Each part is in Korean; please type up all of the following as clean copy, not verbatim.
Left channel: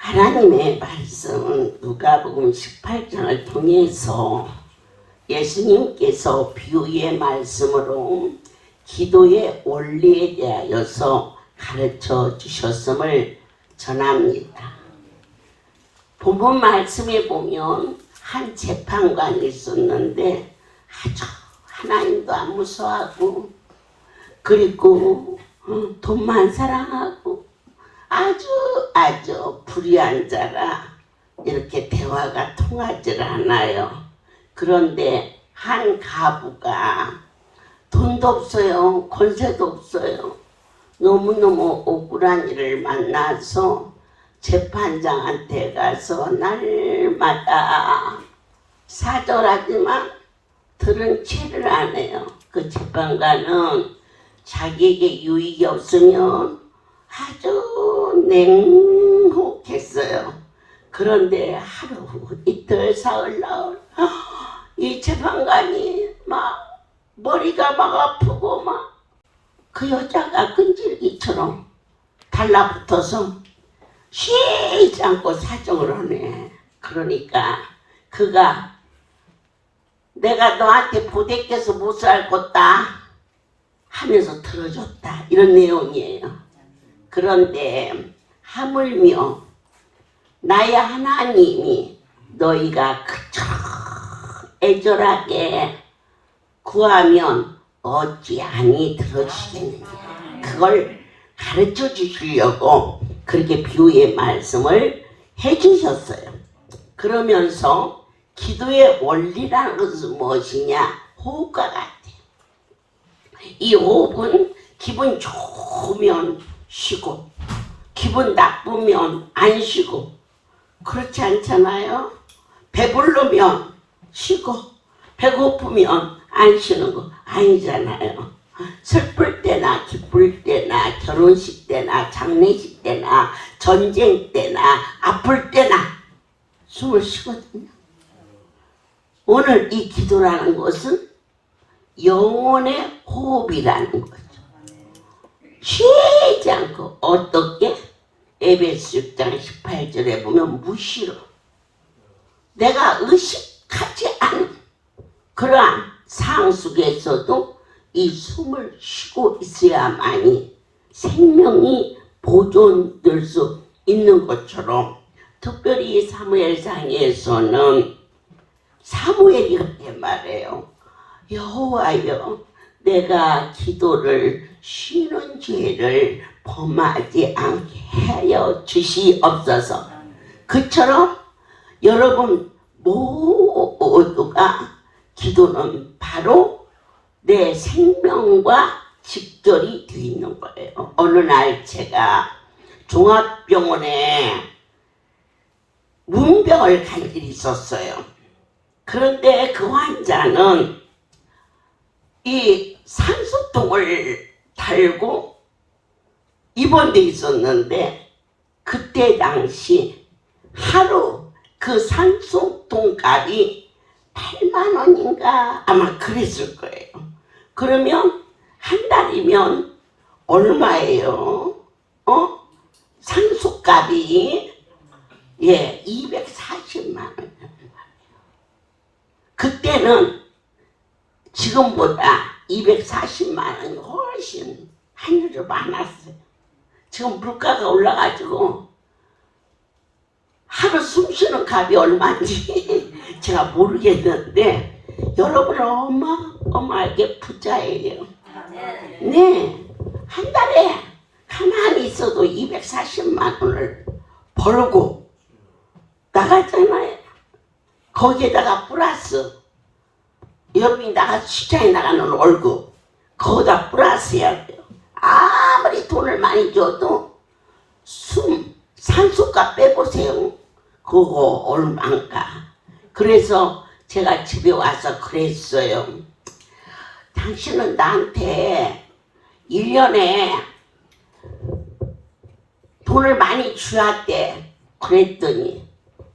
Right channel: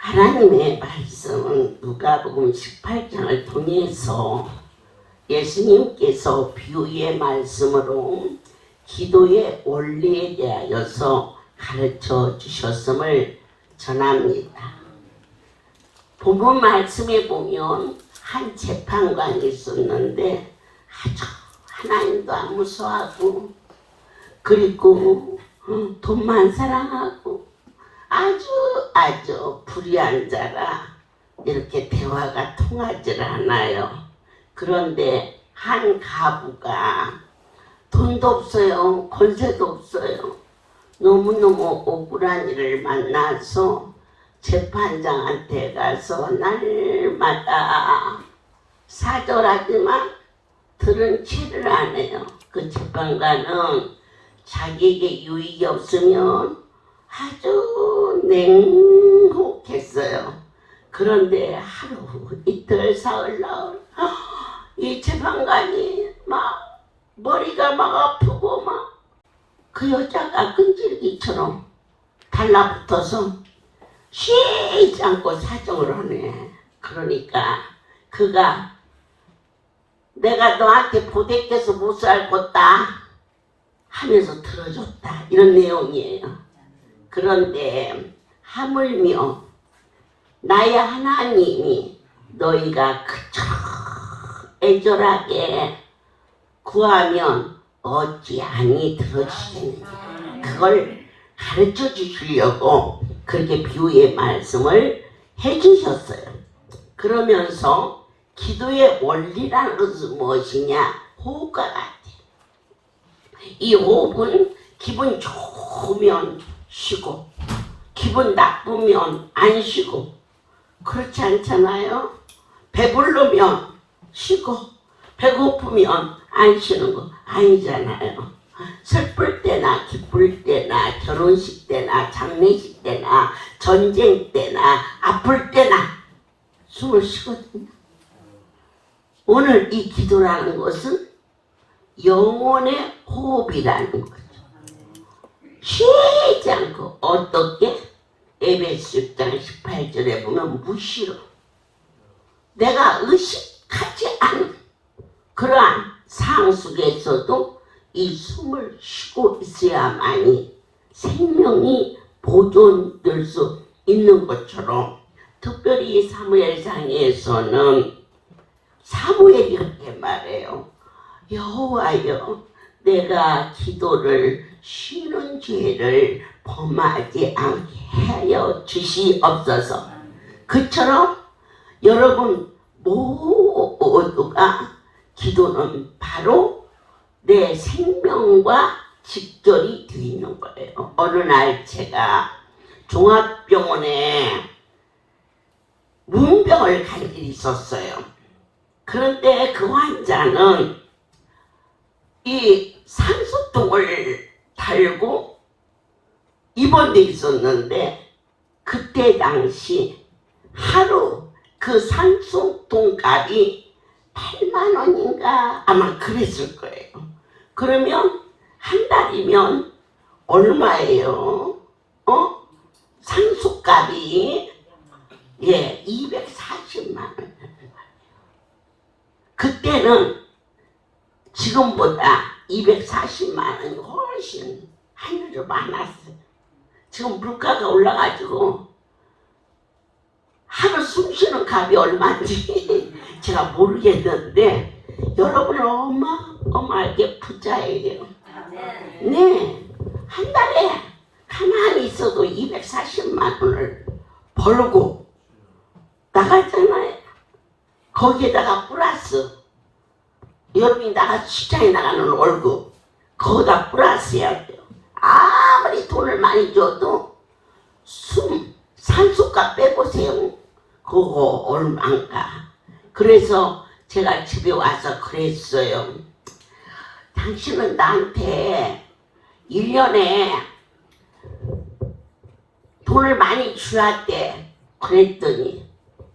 하나님의 말씀은 누가복음 18장을 통해서 예수님께서 비유의 말씀으로 기도의 원리에 대하여서 가르쳐 주셨음을 전합니다. 본문 말씀에 보면 한 재판관이 있었는데 아주 하나님도 안 무서워하고 그리고 돈만 사랑하고 아주 불의한 자라 이렇게 대화가 통하질 않아요. 그런데 한 가부가 돈도 없어요. 권세도 없어요. 너무너무 억울한 일을 만나서 재판장한테 가서 날마다 사절하지만 들은 채를 안 해요. 그 재판관은 자기에게 유익이 없으면 아주 냉혹했어요. 그런데 하루 이틀 사흘 나흘 이 재판관이 막 머리가 막 아프고 막 그 여자가 끈질기처럼 달라붙어서 쉬지 않고 사정을 하네. 그러니까 그가 내가 너한테 보대껴서 못 살겠다 하면서 들어줬다 이런 내용이에요. 그런데 하물며 나의 하나님이 너희가 그처럼 애절하게 구하면 어찌하니 들어주시겠느냐. 그걸 가르쳐 주시려고 그렇게 비유의 말씀을 해주셨어요. 그러면서 기도의 원리라는 것은 무엇이냐? 호흡과 같아요. 이 호흡은 기분 좋으면 쉬고 기분 나쁘면 안 쉬고 그렇지 않잖아요. 배부르면 쉬고 배고프면 안 쉬는 거 아니잖아요. 슬플 때나 기쁠 때나 결혼식 때나 장례식 때나 전쟁 때나 아플 때나 숨을 쉬거든요. 오늘 이 기도라는 것은 영혼의 호흡이라는 거죠. 쉬지 않고 어떻게? 에베소 6장 18절에 보면 무시로 내가 의식하지 않은 그러한 상황 속에서도 이 숨을 쉬고 있어야만이 생명이 보존될 수 있는 것처럼 특별히 사무엘상에서는 사무엘이 그렇게 말해요. 여호와여 내가 기도를 쉬는 죄를 범하지 않게 하여 주시옵소서. 그처럼 여러분 모두가 기도는 바로 내 생명과 직결이 되어 있는 거예요. 어느 날 제가 종합병원에 문병을 갈 일이 있었어요. 그런데 그 환자는 이 산소통을 달고 입원돼 있었는데 그때 당시 하루 그 산소통 값이 8만 원인가 아마 그랬을 거예요. 그러면 한 달이면 얼마예요? 산소값이 240만 원. 그때는 지금보다 240만 원이 훨씬 하늘로 많았어요. 지금 물가가 올라가지고 하루 숨쉬는 값이 얼마인지 제가 모르겠는데 여러분은 어마어마하게 부자예요. 네, 한 달에 가만히 있어도 240만 원을 벌고 나갔잖아요. 거기에다가 플러스 여기 나가 시장에 나가는 월급 거기다 플러스 해야 돼요. 아무리 돈을 많이 줘도 산소값 빼보세요. 그거 얼마인가. 그래서 제가 집에 와서 그랬어요. 당신은 나한테 1년에 돈을 많이 주었대. 그랬더니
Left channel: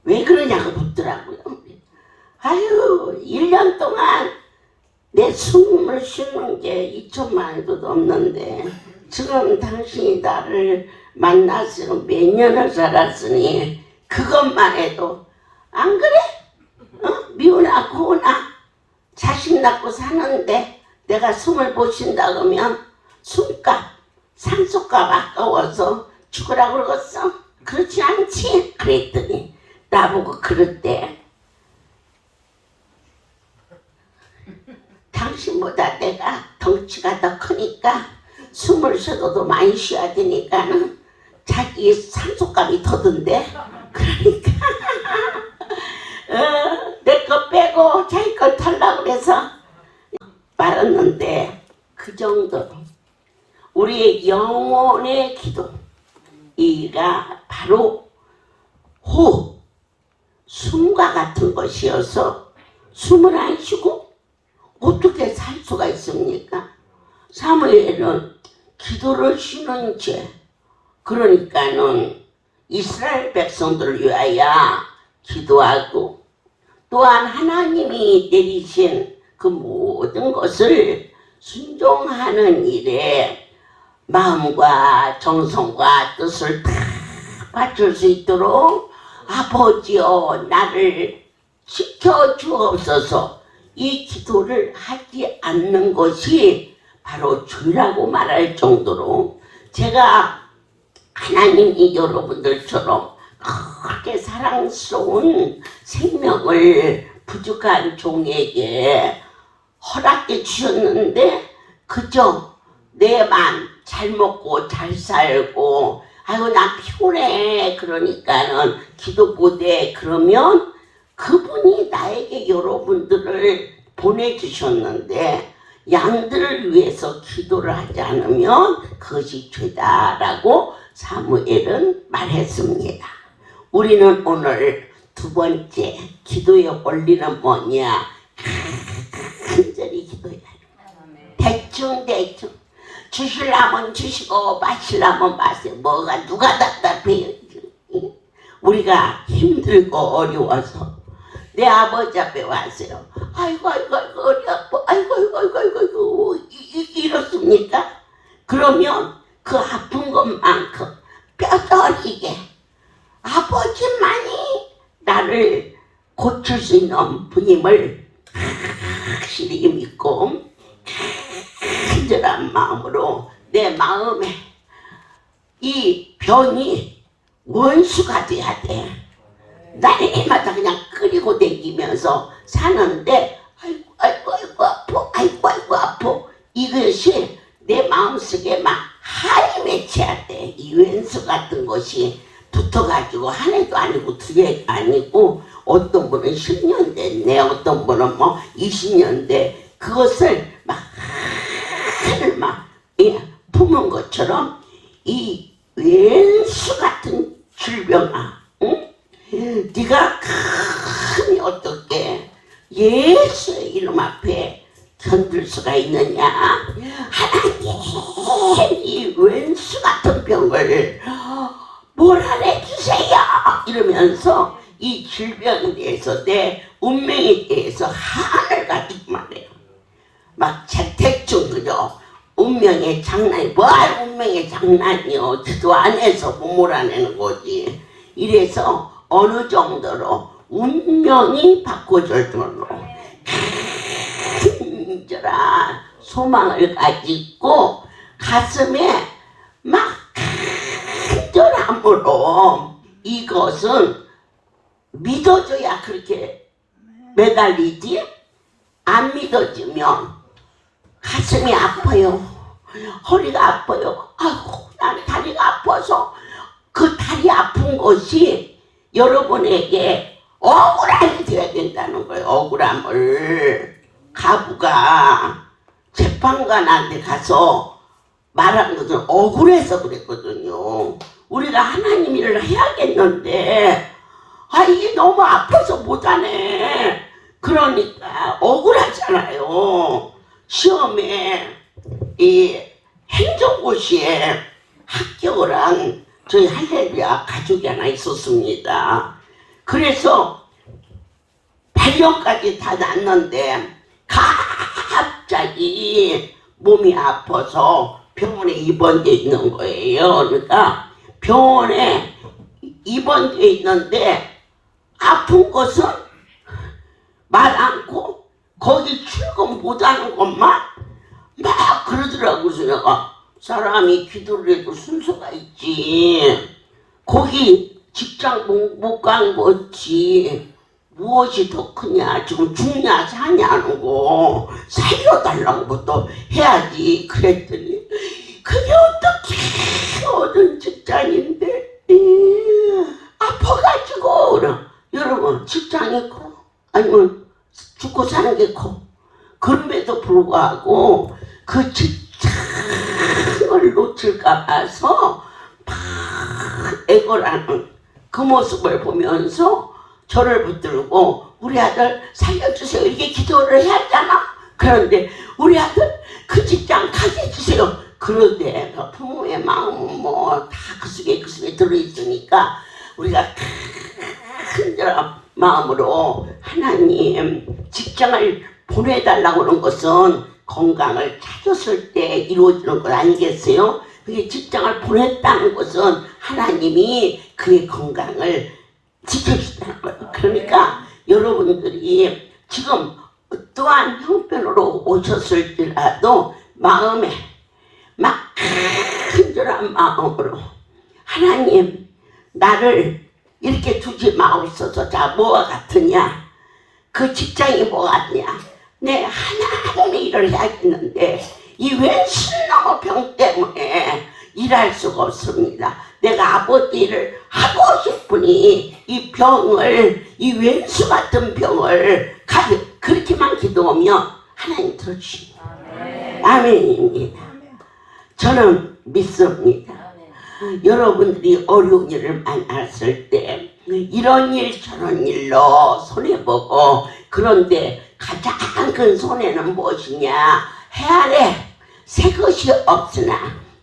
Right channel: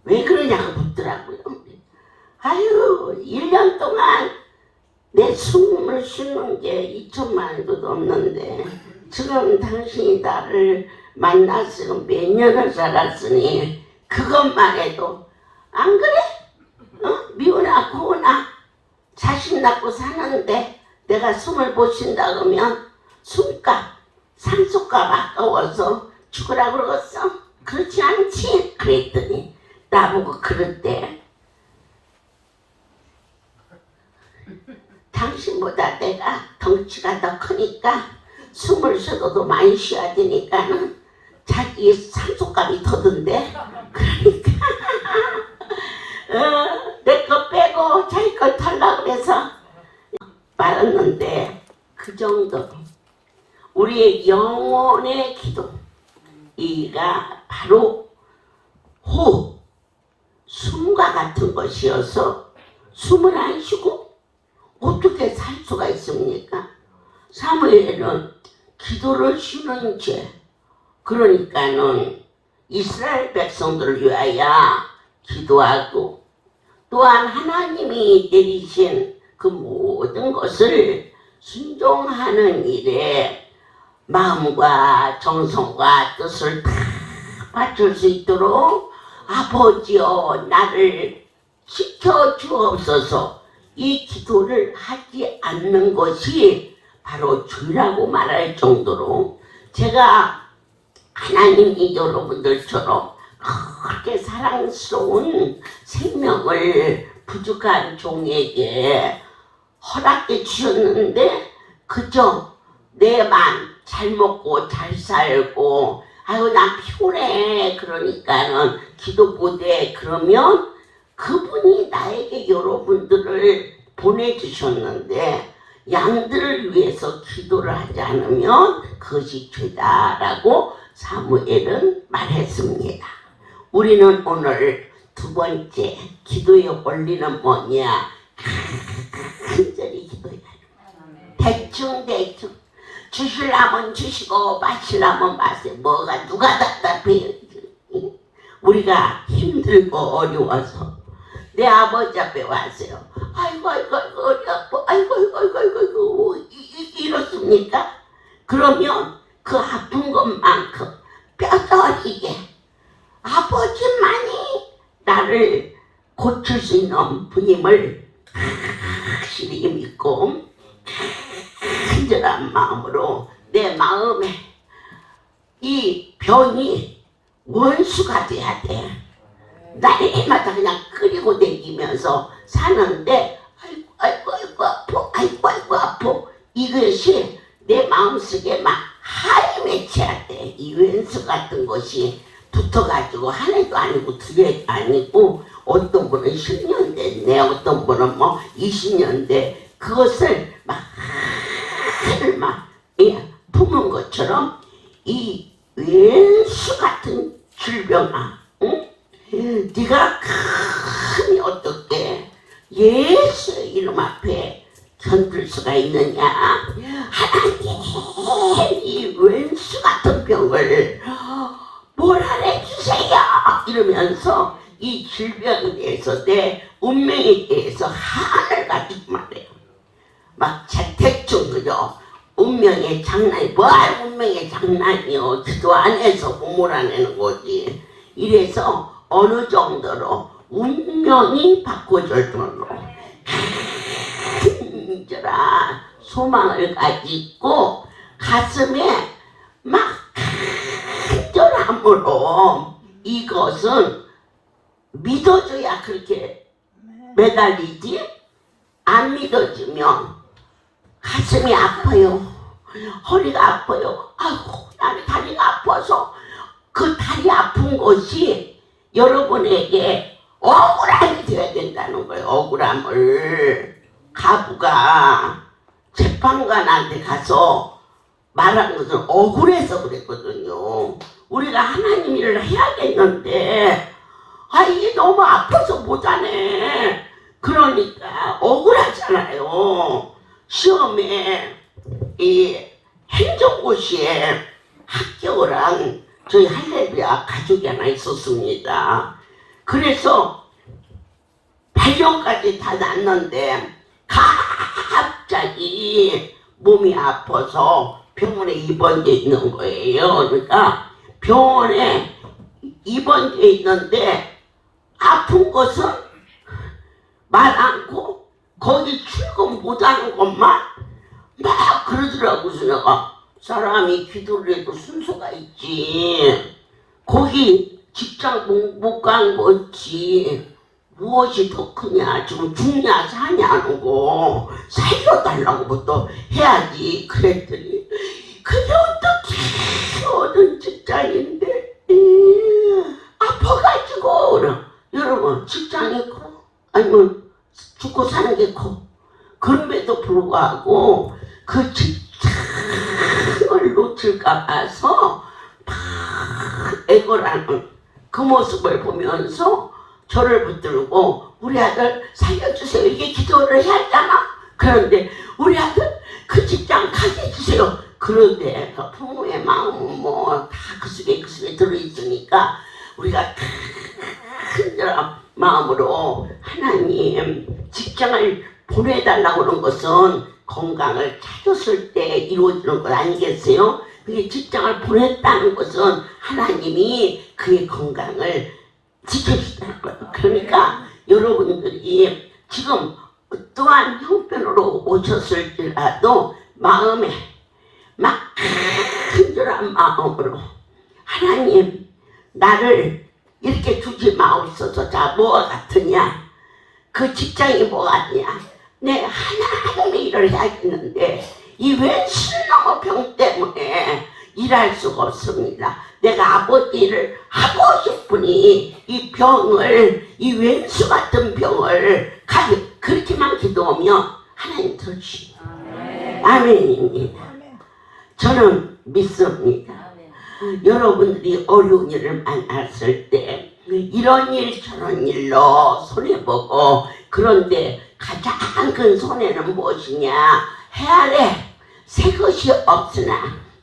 왜 그러냐고 묻더라고요. 아유 1년 동안 내 숨을 쉬는 게 2천만 원도 넘는데 지금 당신이 나를 만나서 몇 년을 살았으니 그것만 해도 안 그래? 미우나 고우나 자식 낳고 사는데 내가 숨을 못 쉰다 그러면 숨값 산소값 아까워서 죽으라 그러겠어? 그렇지 않지? 그랬더니 나보고 그랬대. 당신보다 내가 덩치가 더 크니까 숨을 쉬어도 많이 쉬어야 되니까는 자기 산소값이 더던데. 그러니까 내 거 빼고 자기 걸 털라고 그래서 말았는데 그 정도로 우리의 영혼의 기도 이가 바로 호흡 숨과 같은 것이어서 숨을 안 쉬고 어떻게 살 수가 있습니까? 사무엘은 기도를 쉬는 죄 그러니까는 이스라엘 백성들을 위하여 기도하고 또한 하나님이 내리신 그 모든 것을 순종하는 일에 마음과 정성과 뜻을 다 바칠 수 있도록 아버지여 나를 지켜주옵소서. 이 기도를 하지 않는 것이 바로 죄라고 말할 정도로 제가 하나님이 여러분들처럼 그렇게 사랑스러운 생명을 부족한 종에게 허락해 주셨는데 그저 내만 잘 먹고 잘 살고 아유 나 피곤해 그러니까는 기도 못해 그러면 그분이 나에게 여러분들을 보내주셨는데 양들을 위해서 기도를 하지 않으면 그것이 죄다라고 사무엘은 말했습니다. 우리는 오늘 두 번째 기도의 원리는 뭐냐? 간절히 기도해야 돼. 대충 주시려면 주시고 마시려면 마세요. 뭐가 누가 답답해요. 우리가 힘들고 어려워서 내 아버지 앞에 왔어요. 아이고 어디 아파 아이고 이렇습니까? 그러면 그 아픈 것만큼 뼈저리게 아버지만이 나를 고칠 수 있는 분임을 확실히 믿고 간절한 마음으로 내 마음에 이 병이 원수가 돼야 돼. 날마다 그냥 끓이고 다니면서 사는데 아이고 아파 이것이 내 마음속에 막 하이 맺혀야 돼. 이 원수 같은 것이 붙어가지고 하나도 아니고 두 개도 아니고 어떤 분은 10년 됐네 어떤 분은 뭐 20년 돼 그것을 막 품은 것처럼 이 왼수 같은 질병아 응? 네가 감히 어떻게 예수의 이름 앞에 견딜 수가 있느냐. 하나님 이 왼수 같은 병을 몰아내 주세요 이러면서 이 질병에 대해서 내 운명에 대해서 한을 가지고 말해요. 막 대충 그죠. 운명의 장난이 뭘 운명의 장난이요. 기도 안 해서 못 몰아내는 거지. 이래서 어느 정도로 운명이 바꿔줄 정도로 간절한 소망을 가지고 가슴에 막 간절함으로 이것은 믿어줘야 그렇게 매달리지. 안 믿어지면 가슴이 아파요. 허리가 아파요. 아이고 나는 다리가 아파서 그 다리 아픈 것이 여러분에게 억울함이 되어야 된다는 거예요. 억울함을. 가부가 재판관한테 가서 말한 것은 억울해서 그랬거든요. 우리가 하나님 일을 해야겠는데 이게 너무 아파서 못하네. 그러니까 억울하잖아요. 시험에 이 행정고시에 합격을 한 저희 할렐루야 가족이 하나 있었습니다. 그래서 8년까지 다 났는데 갑자기 몸이 아파서 병원에 입원돼 있는 거예요. 그러니까 병원에 입원돼 있는데 아픈 것은 말 않고 거기 출근 못하는 것만 막 그러더라고. 내가 사람이 기도를 해도 순서가 있지. 거기 직장 못 간 거지. 무엇이 더 크냐, 지금 죽냐 사냐는 거 살려달라는 것도 해야지. 그랬더니 그게 어떻게 어떤 직장인데 아파가지고. 그래. 여러분 직장이 커 아니면 죽고 사는 게 커. 그럼에도 불구하고 그 직장을 놓칠까 봐서 막 애걸하는 그 모습을 보면서 저를 붙들고 우리 아들 살려주세요 이렇게 기도를 해야 하잖아. 그런데 우리 아들 그 직장 가게 해주세요. 그런데 그 부모의 마음은 뭐 다 그 속에 들어있으니까 우리가 큰 마음으로 하나님 직장을 보내달라고 하는 것은 건강을 찾았을 때 이루어지는 것 아니겠어요? 그게 직장을 보냈다는 것은 하나님이 그의 건강을 지켜주다는 거예요. 그러니까 여러분들이 지금 어떠한 형편으로 오셨을지라도 마음에 막 간절한 마음으로 하나님 나를 이렇게 두지 마옵소서. 자, 뭐가 같으냐? 그 직장이 뭐가 같냐? 내 하나님의 일을 해야겠는데 이 왼수놈의 병 때문에 일할 수가 없습니다. 내가 아버지 일을 하고 싶으니 이 병을, 이 왼수 같은 병을 그렇게만 기도하면 하나님 들어주십니다. 아멘입니다. 저는 믿습니다. 여러분들이 어려운 일을 만났을 때 이런 일 저런 일로 손해보고, 그런데 가장 큰 손해는 무엇이냐? 해 아래 새 것이 없으나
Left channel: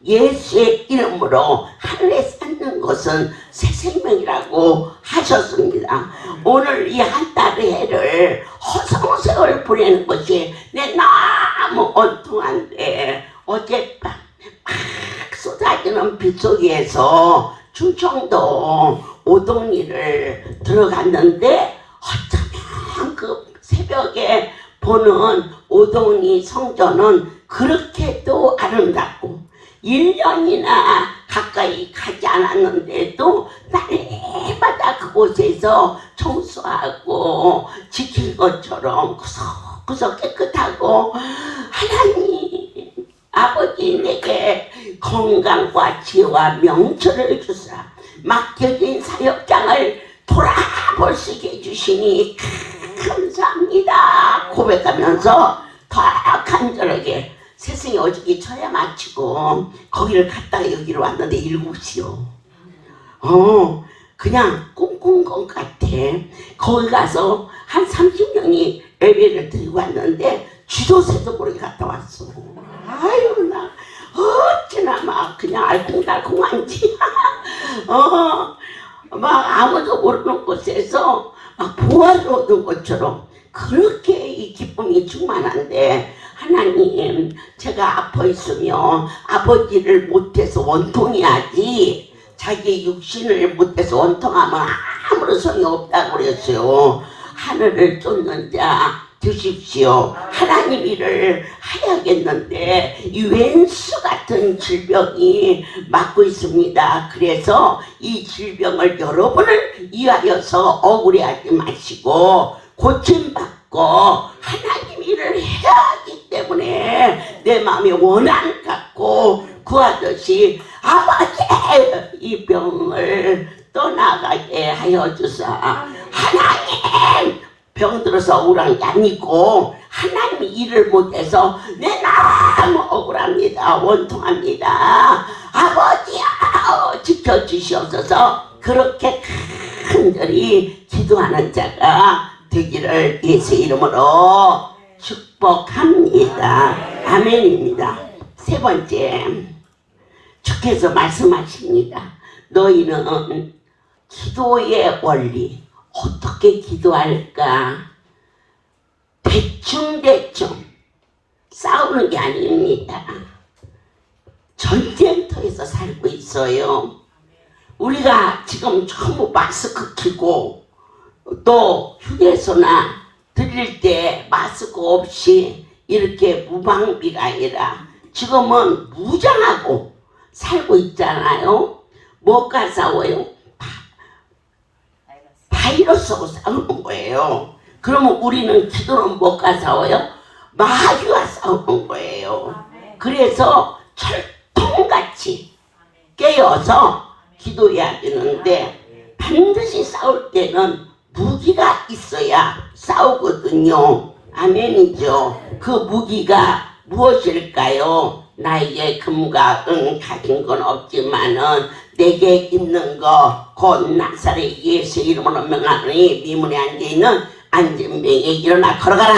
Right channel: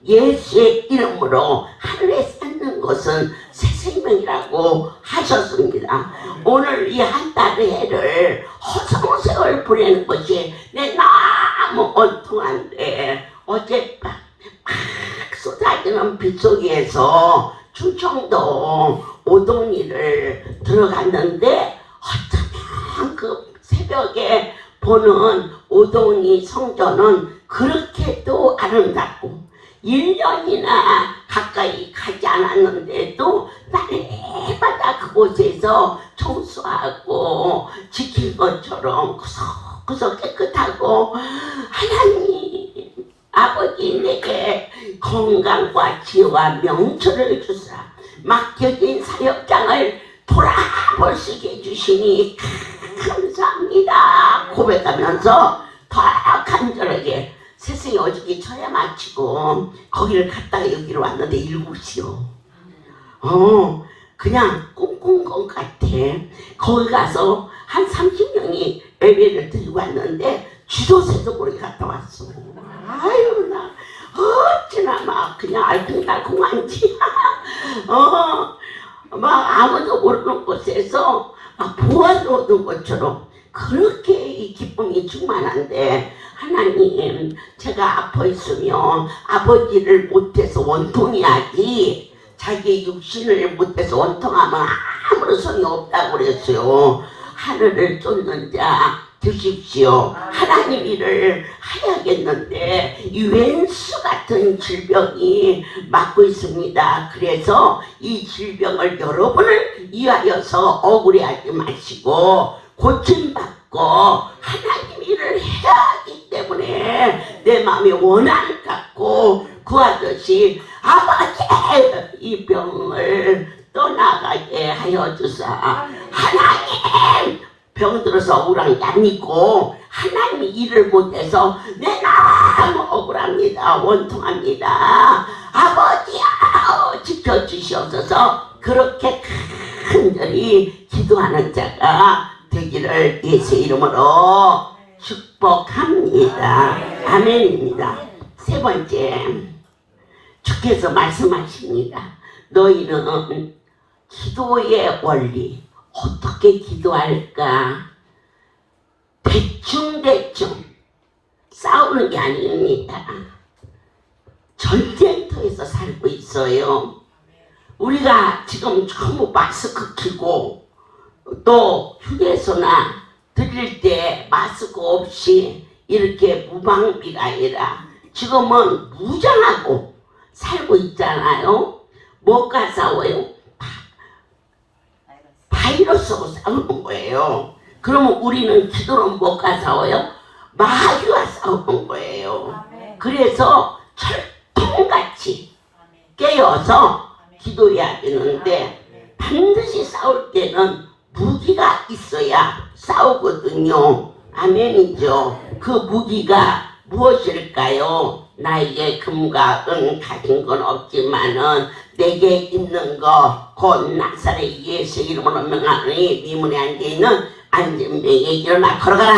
예수의 이름으로 하늘에 쌓는 것은 새 생명이라고 하셨습니다. 오늘 이 한 달의 해를 허송세월 보내는 것이 내 너무 온통한데, 어젯밤 막 쏟아지는 빗소리에서 충청도 오동리를 들어갔는데 어쩌면 그 새벽에 보는 오동리 성전은 그렇게도 아름답고 1년이나 가까이 가지 않았는데도 날마다 그곳에서 청소하고 지킨 것처럼 구석구석 깨끗하고, 하나님 아버지 내게 건강과 지혜와 명철을 주사 맡겨진 사역장을 돌아볼 수 있게 해주시니 감사합니다 고백하면서 더 간절하게 세상에 어저께 처야 마치고 거기를 갔다가 여기로 왔는데 7시요. 그냥 꿈꾼 것 같아. 거기 가서 한 30명이 예배를 드리고 왔는데 쥐도새도 모르게 갔다 왔어. 아유 나 어찌나 막 그냥 알콩달콩한지 막 아무도 모르는 곳에서 막 보아를 얻은 것처럼 그렇게 이 기쁨이 충만한데, 하나님 제가 아파 있으면 아버지를 못해서 원통해야지 자기 육신을 못해서 원통하면 아무런 소용이 없다고 그랬어요. 하늘을 쫓는 자 드십시오. 하나님 일을 해야겠는데 이 왼수 같은 질병이 맡고 있습니다. 그래서 이 질병을 여러분을 위하여서 억울해하지 마시고 고침받고 하나님 일을 해야 하기 때문에 내 마음에 원한을 갖고 구하듯이 아버지 이 병을 떠나가게 하여 주사. 하나님 병들어서 억울한 게 아니고 하나님이 일을 못해서 내 너무 억울합니다. 원통합니다. 아버지야 지켜주시옵소서. 그렇게 간절히 기도하는 자가 되기를 예수 이름으로 축복합니다. 아멘입니다. 세 번째, 주께서 말씀하십니다. 너희는 기도의 원리, 어떻게 기도할까? 대충대충 싸우는 게 아닙니다. 전쟁터에서 살고 있어요. 우리가 지금 전부 마스크 끼고 또 휴게소나 들릴 때 마스크 없이 이렇게 무방비가 아니라 지금은 무장하고 살고 있잖아요. 뭐가 싸워요? 바이러스하고 싸우는 거예요. 그러면 우리는 기도는 뭐가 싸워요? 마귀와 싸우는 거예요. 그래서 철통같이 깨어서 기도해야 되는데 반드시 싸울 때는 무기가 있어야 싸우거든요. 아멘이죠. 그 무기가 무엇일까요? 나에게 금과 은 가진 건 없지만은 내게 있는 거 곧 나사렛 예수 이름으로 명하니 미문에 앉아있는 안진병이 일어나 걸어가라.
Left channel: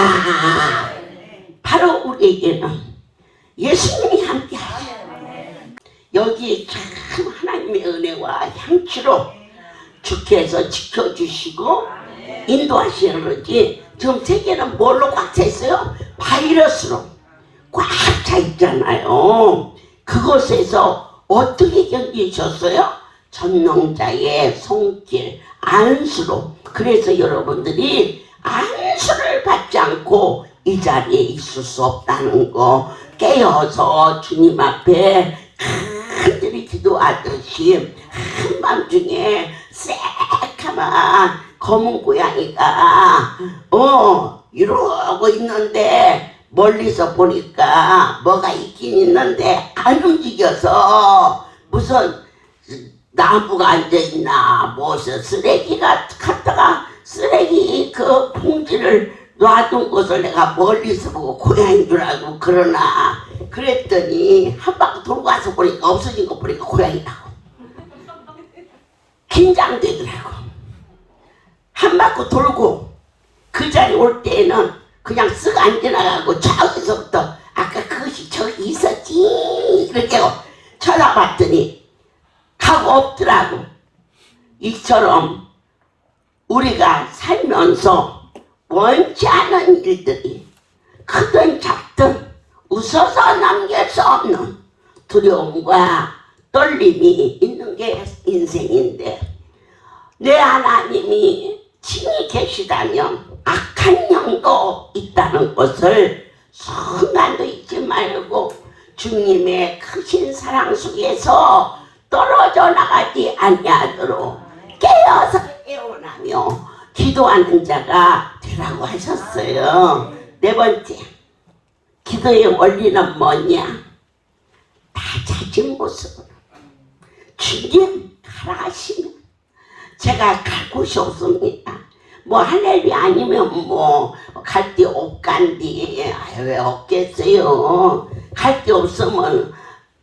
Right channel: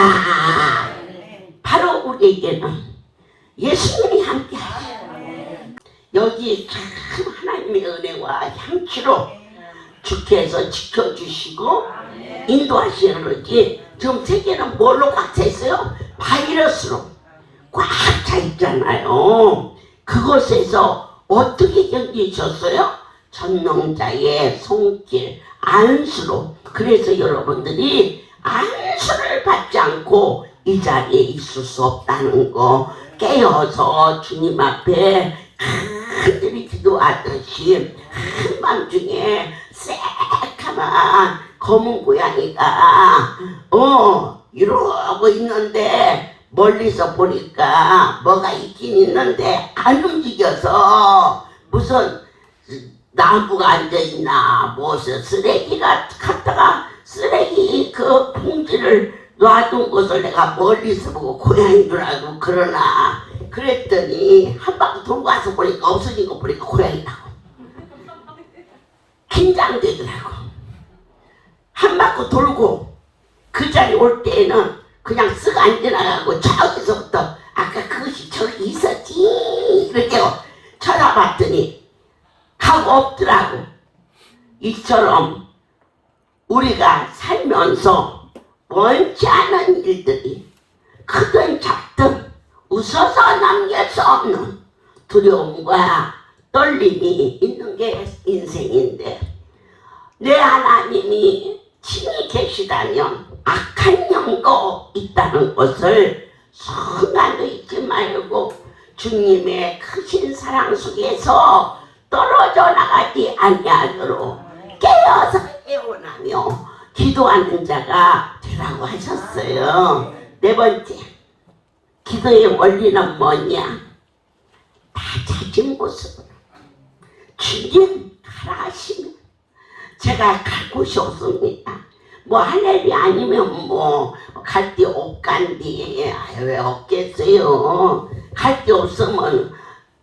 바로 우리에게는 예수님이 함께 하셔요. 여기 참 하나님의 은혜와 향기로 주께서 지켜주시고 인도하시는 거지. 지금 세계는 뭘로 꽉 차 있어요? 바이러스로 꽉 차 있잖아요. 그곳에서 어떻게 견디셨어요? 전능자의 손길 안수로. 그래서 여러분들이 안수를 받지 않고 이 자리에 있을 수 없다는 거 깨어서 주님 앞에 간절히 기도하듯이 한밤중에 새까만 검은 고양이가 이러고 있는데 멀리서 보니까 뭐가 있긴 있는데 안 움직여서 무슨 나무가 앉아있나 무슨 쓰레기가 갖다가 쓰레기 그 봉지를 놔둔 것을 내가 멀리서 보고 고양이인 줄 알고 그러나 그랬더니 한 바퀴 돌고 와서 보니까 없어진 거 보니까 고양이라고. 긴장되더라고. 한 바퀴 돌고 그 자리 올 때에는 그냥 쓱 안 지나가고 저기서부터 아까 그것이 저기 있었지 이렇게 쳐다봤더니 가고 없더라고. 이처럼 우리가 살면서 원치 않은 일들이 크든 작든 웃어서 남길 수 없는 두려움과 떨림이 있는 게 인생인데 내 하나님이 친히 계시다면 악한 영도 있다는 것을 순간도 잊지 말고 주님의 크신 사랑 속에서 떨어져 나가지 아니하도록 깨어서 애원하며 기도하는 자가 되라고 하셨어요. 네 번째, 기도의 원리는 뭐냐? 다 자진 모습으로 주님 가라 하시면 제가 갈 곳이 없습니다. 뭐 할렐루야 아니면 뭐 갈 데 없간디 왜 없겠어요? 갈 데 없으면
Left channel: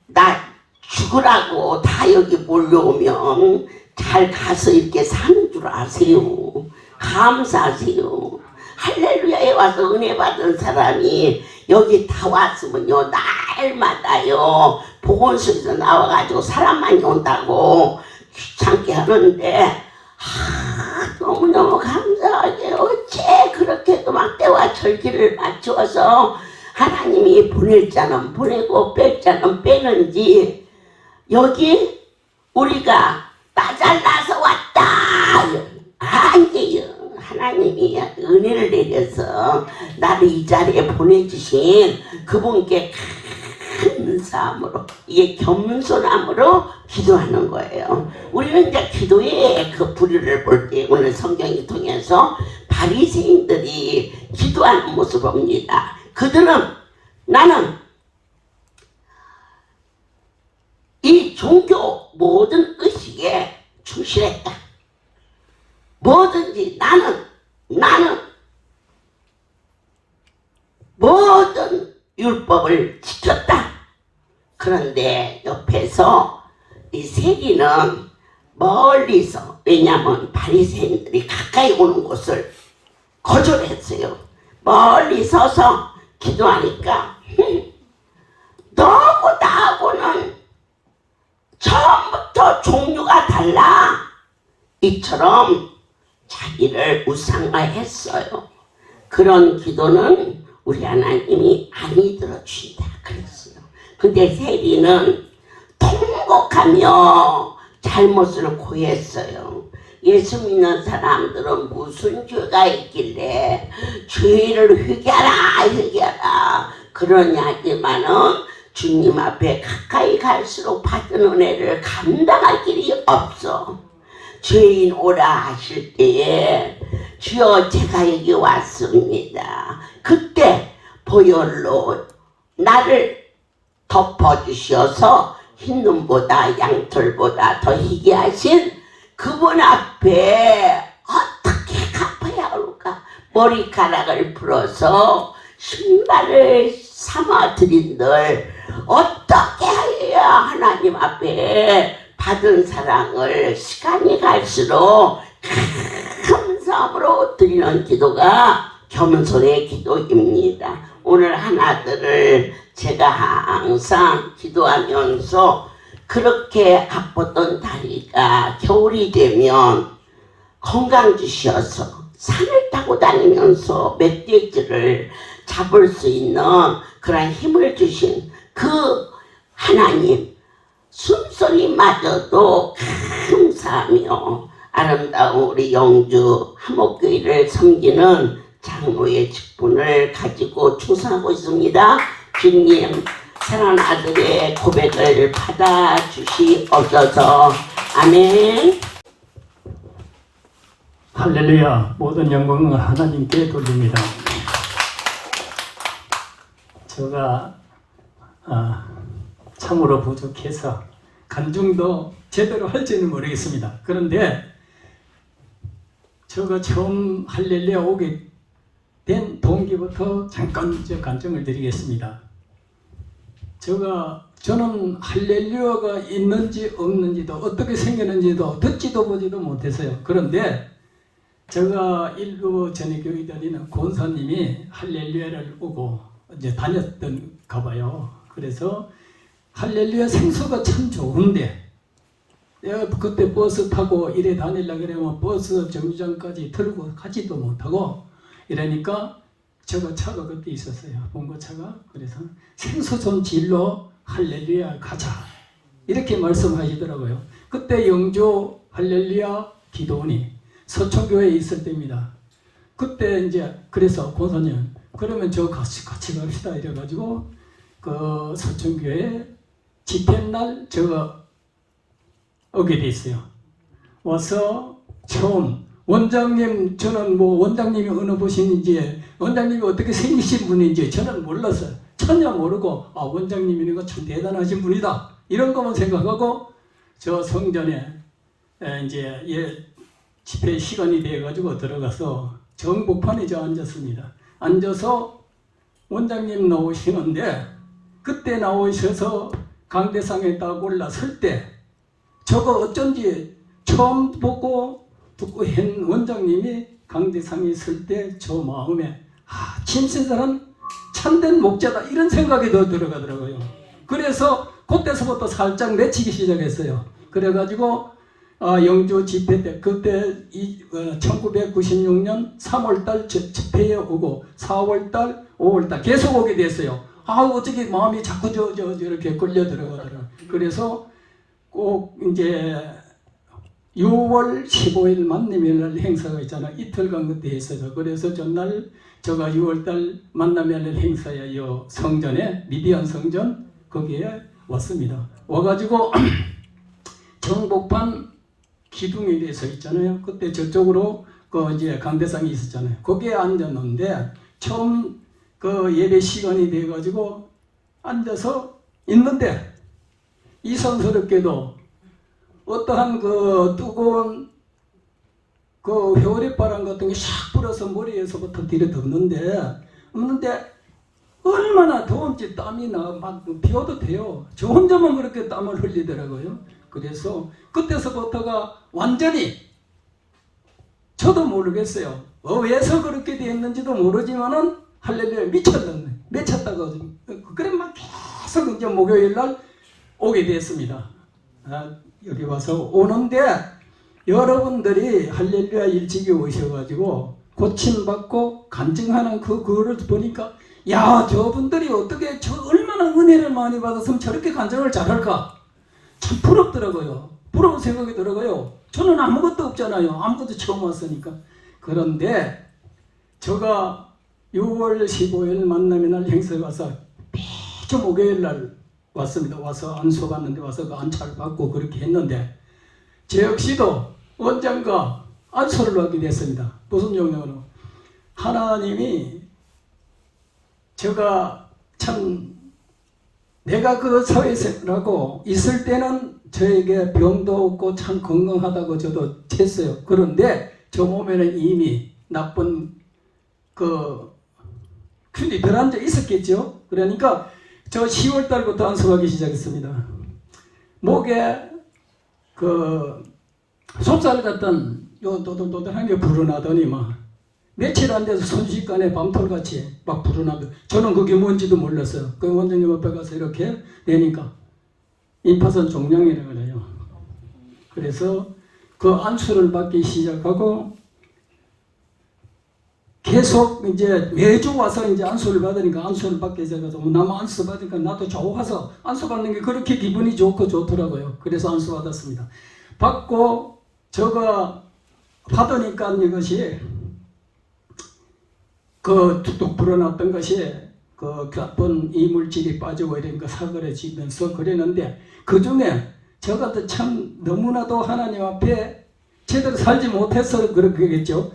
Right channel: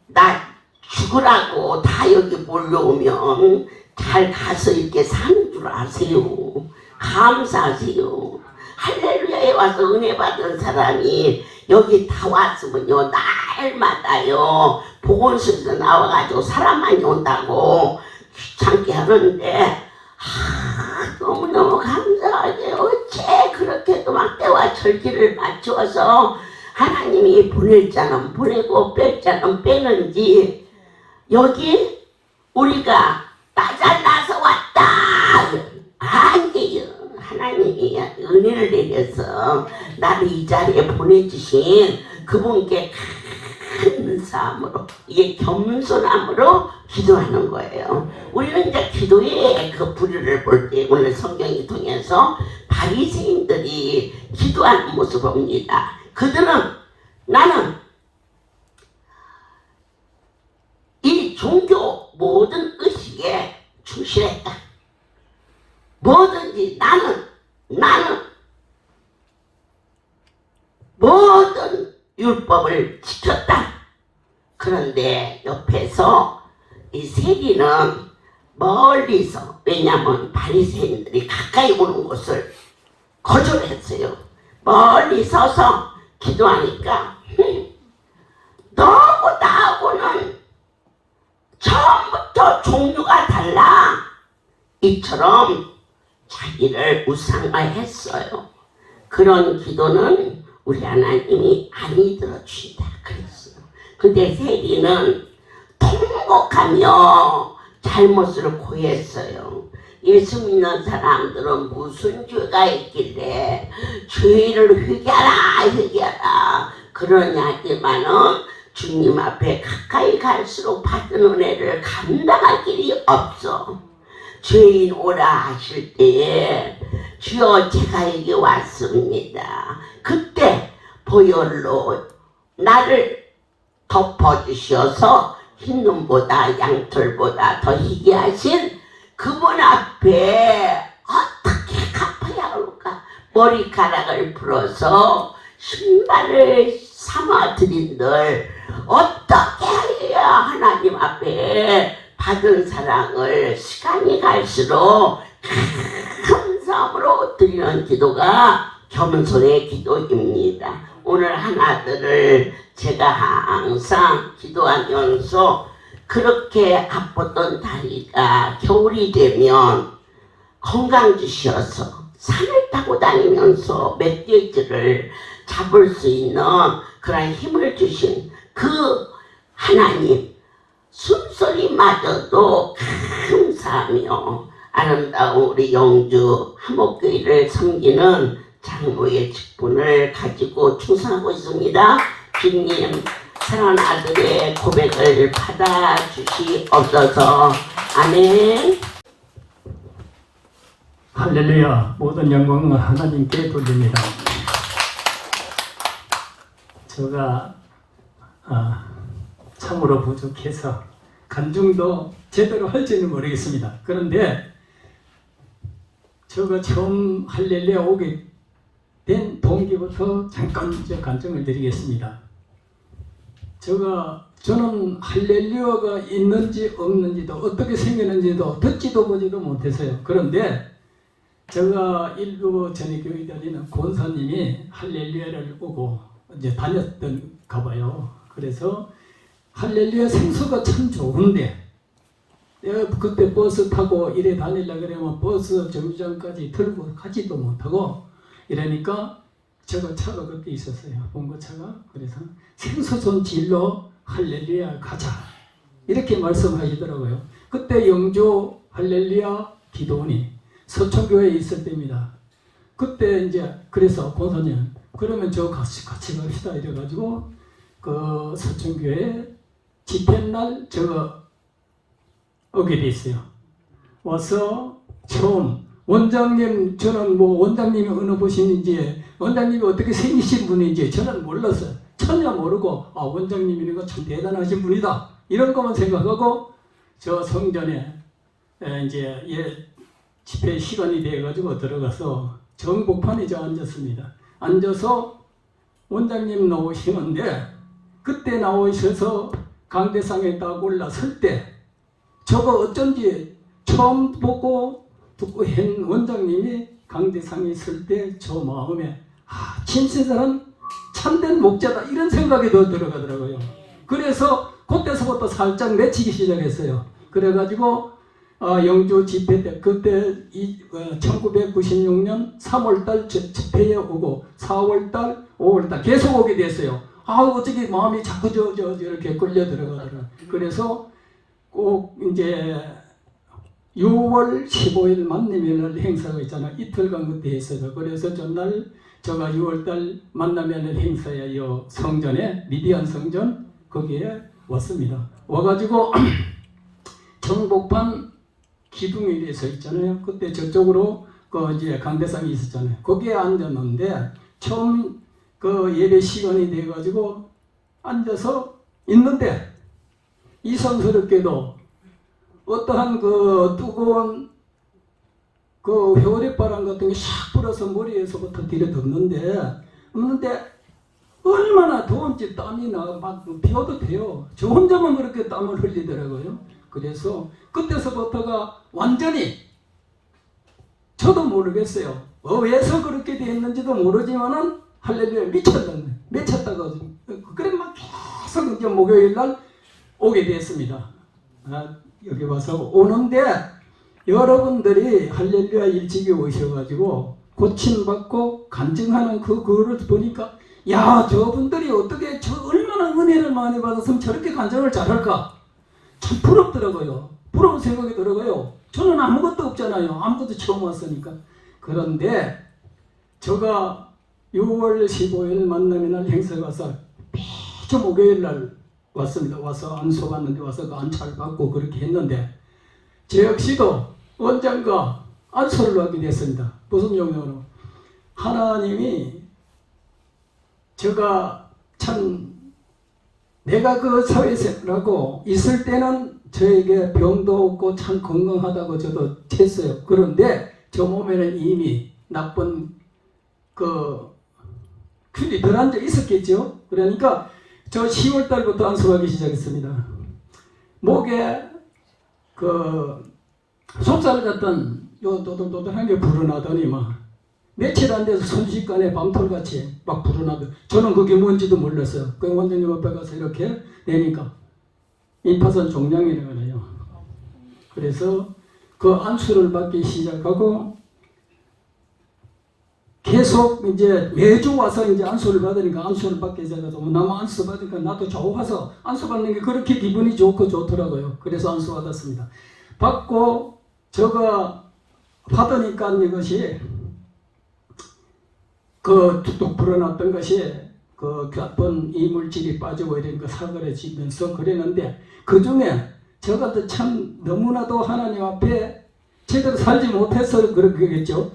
나 죽으라고 다 여기 몰려오면 잘 가서 이렇게 사는 줄 아세요. 감사하세요. 할렐루야에 와서 은혜 받은 사람이 여기 다 왔으면요 날마다요 보건소에서 나와가지고 사람 많이 온다고 귀찮게 하는데 너무너무 감사하게 어째 그렇게도 막 때와 절기를 맞추어서 하나님이 보낼 자는 보내고 뺄 자는 빼는지 여기 우리가 나 잘나서 왔다 아니에요. 하나님이 은혜를 내려서 나를 이 자리에 보내주신 그분께 감사함으로 이게 겸손함으로 기도하는 거예요. 우리는 이제 기도의 그 부류를 볼 때 오늘 성경이 통해서 바리새인들이 기도하는 모습을 봅니다. 그들은 나는 이 종교 모든 의식에 충실했다. 뭐든지 나는 모든 율법을 지켰다. 그런데 옆에서 이 세리는 멀리서 왜냐하면 바리새인들이 가까이 오는 것을 거절했어요. 멀리 서서 기도하니까 너하고 나하고는 처음부터 종류가 달라. 이처럼 자기를 우상화했어요. 그런 기도는 우리 하나님이 많이 들어주신다 그랬어요. 근데 세리는 통곡하며 잘못을 고했어요. 예수 믿는 사람들은 무슨 죄가 있길래 죄를 회개하라 그러냐지만은 주님 앞에 가까이 갈수록 받은 은혜를 감당할 길이 없어. 죄인 오라 하실 때에 주여 제가 여기 왔습니다. 그때 보혈로 나를 덮어주셔서 흰눈보다 양털보다 더 희게 하신 그분 앞에 어떻게 갚아야 할까? 머리카락을 풀어서 신발을 삼아 드린들 어떻게 해야 하나님 앞에 받은 사랑을 시간이 갈수록 감사함으로 드리는 기도가 겸손의 기도입니다. 오늘 하나들을 제가 항상 기도하면서 그렇게 아팠던 다리가 겨울이 되면 건강 주셔서 산을 타고 다니면서 멧돼지를 잡을 수 있는 그런 힘을 주신 그 하나님 숨소리마저도 감사하며 아름다운 우리 영주 하목교회를 섬기는 장로의 직분을 가지고 충성하고 있습니다. 주님 사랑하는 아들의 고백을 받아주시옵소서. 아멘. 할렐루야. 모든 영광은 하나님께 돌립니다. 제가 참으로 부족해서 간증도 제대로 할지는 모르겠습니다. 그런데 제가 처음 할렐루야 오게 된 동기부터 잠깐 간증을 드리겠습니다. 저는 할렐루야가 있는지 없는지도 어떻게 생겼는지도 듣지도 보지도 못했어요. 그런데 제가 일부 전에 교회 다니는 권사님이 할렐루야를 보고 이제 다녔던가 봐요. 그래서 할렐루야 생수가 참 좋은데 내가 그때 버스 타고 이래 다니려고 그러면 버스 정류장까지 들고 가지도 못하고 이러니까 제가 차가 그때 있었어요. 봉고차가. 그래서 생수 좀 질러 할렐루야 가자 이렇게 말씀하시더라고요. 그때 영주 할렐루야 기도원이 서초교회에 있을 때입니다. 그때 이제 그래서 권사님 그러면 저 같이 갑시다 이래가지고 그 서초교회 집회날 제가 오게 됐어요. 와서 처음 원장님 저는 뭐 원장님이 어느 분인지 원장님이 어떻게 생기신 분인지 저는 몰랐어요. 전혀 모르고 원장님이는 거 참 대단하신 분이다 이런 것만 생각하고 저 성전에 이제 집회 시간이 돼가지고 들어가서 정복판에 저 앉았습니다. 앉아서 원장님 나오시는데 그때 나오셔서 강대상에 딱 올라설 때 저거 어쩐지 처음 보고 듣고 한 원장님이 강대상에 설 때 저 마음에 진실한 참된 목자다 이런 생각이 더 들어가더라고요. 그래서 그때서부터 살짝 맺히기 시작했어요. 그래가지고 영주 집회 때 그때 1996년 3월달 집회에 오고 4월달 5월달 계속 오게 됐어요. 어떻게 마음이 자꾸 이렇게 끌려 들어가더라고요. 그래서 꼭 이제 6월 15일 만남의 행사가 있잖아요. 이틀간 그때 했어요. 그래서 전날 제가 6월달 만남의 행사에 요 성전에 미디안 성전 거기에 왔습니다. 와가지고 정복판 기둥에 대해서 있잖아요. 그때 저쪽으로 그 이제 강대상이 있었잖아요. 거기에 앉았는데 처음 그 예배 시간이 돼가지고 앉아서 있는데 이상스럽게도 어떠한 그 뜨거운 그 회오리바람 같은 게 샥 불어서 머리에서부터 뒤로 덮는데 얼마나 더운지 땀이 막 비워도 돼요. 저 혼자만 그렇게 땀을 흘리더라고요. 그래서 그때서부터가 완전히 저도 모르겠어요. 왜서 그렇게 됐는지도 모르지만은 할렐루야 미쳤다고 그래 막 계속 이제 목요일 날 오게 됐습니다. 여기 와서 오는데 여러분들이 할렐루야 일찍이 오셔가지고 고침받고 간증하는 그거를 보니까 저분들이 어떻게 얼마나 은혜를 많이 받았으면 저렇게 간증을 잘할까 참 부럽더라고요. 부러운 생각이 들어요. 저는 아무것도 없잖아요. 아무것도 처음 왔으니까. 그런데 제가 6월 15일 만남의 날 행사 가서 매주 목요일 날 왔습니다. 와서 안수 받는데 와서 그 안차를 받고 그렇게 했는데 저 역시도 원장과 안수를 하게 됐습니다. 무슨 용도로? 하나님이 제가 참 내가 그 사회생활하고 있을 때는 저에게 병도 없고 참 건강하다고 저도 했어요. 그런데 저 몸에는 이미 나쁜 그 균이 들어앉아 있었겠죠. 그러니까 저 10월 달부터 안수하기 시작했습니다. 목에 그 속살 같던 요 도들도들한 게 불어나더니 막 며칠 안 돼서 순식간에 밤톨같이 막 불어나고 저는 그게 뭔지도 몰랐어요. 그 원장님 앞에 가서 이렇게 내니까 임파선 종양이라고 해요. 그래서 그 안수를 받기 시작하고 계속 이제 매주 와서 이제 안수를 받으니까 안수를 받게 돼서 나무 안수 받으니까 나도 좋아서 안수 받는 게 그렇게 기분이 좋고 좋더라고요. 그래서 안수 받았습니다. 받고 제가 받으니까 이것이 그 툭툭 불어났던 것이 그 나쁜 이물질이 빠지고 이러니까 사그러지면서 그랬는데 그 중에 저가 참 너무나도 하나님 앞에 제대로 살지 못해서 그러겠죠.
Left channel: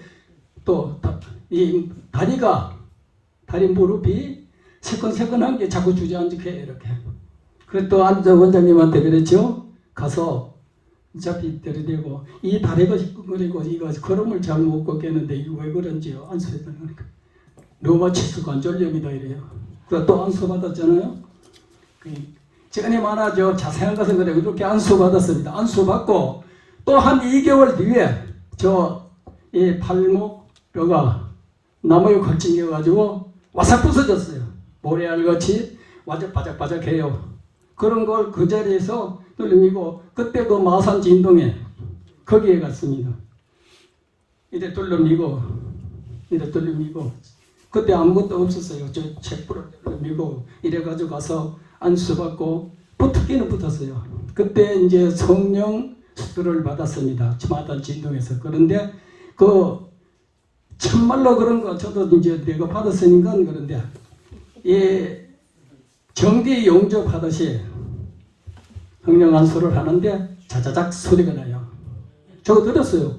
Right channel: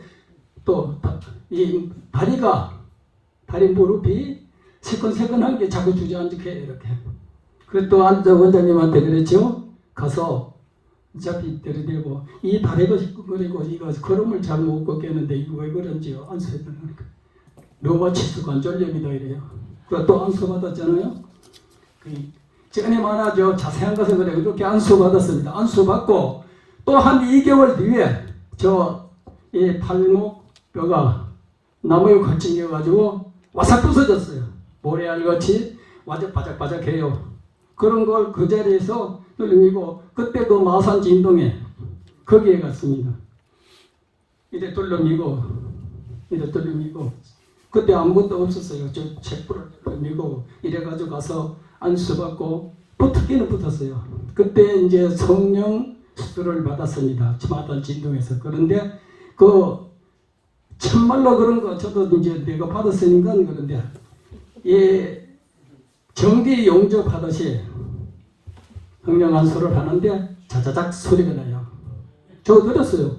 또 이 다리 무릎이 새끈새끈한 게 자꾸 주저앉게 이렇게. 그 또 원장님한테 그랬죠. 가서 어차피 들이대고 이 다리가 시큰거리고 이거 걸음을 잘 못 걷겠는데 이거 왜 그런지요. 안수해드리니까 류마티스 관절염이다 이래요. 또 안수 받았잖아요. 전이 많아져 자세한 것은 그래 이렇게 안수 받았습니다. 안수 받고 또 한 2개월 뒤에 저 이 팔목 뼈가 나무에 걸친겨 가지고 와삭 부서졌어요. 모래알같이 바짝바짝해요. 그런 걸 그 자리에서 뚫리고 그때 그 마산 진동에 거기에 갔습니다. 이래 뚫리고 그때 아무것도 없었어요. 저 책부를 뚫리고 이래가지고 가서 안수받고 붙기는 붙었어요. 그때 이제 성령 수술을 받았습니다. 마산 진동에서. 그런데 그 참말로 그런 거 저도 이제 내가 받았으니까 그런데 이 정기 용접하듯이 성령 안수를 하는데 자자작 소리가 나요. 저 들었어요.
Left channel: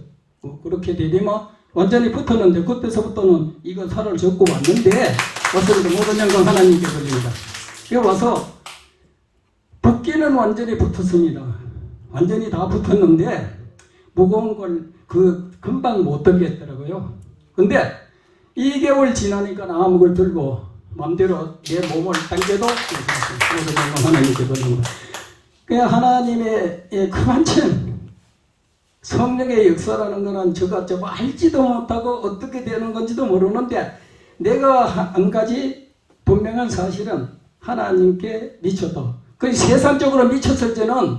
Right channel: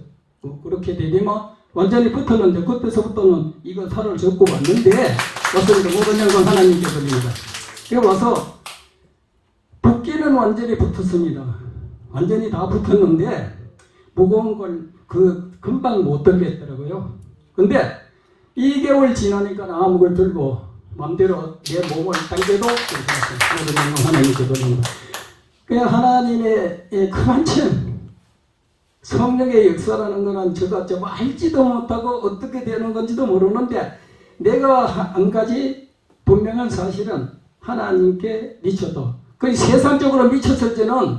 그렇게 되면 완전히 붙었는데 그때서부터는 이건 살을 접고 왔는데 왔는데 모든 영광 하나님께 드립니다. 여기 와서 붓기는 완전히 붙었습니다. 완전히 다 붙었는데 무거운 걸 금방 못 들겠더라고요. 근데 2개월 지나니까 아무 걸 들고 마음대로 내 몸을 당겨도 모든 영광 하나님께 드립니다. 그냥 하나님의 그만큼 성령의 역사라는 것은 저가 좀 알지도 못하고 어떻게 되는 건지도 모르는데 내가 한 가지 분명한 사실은 하나님께 미쳐도 그 세상적으로 미쳤을 때는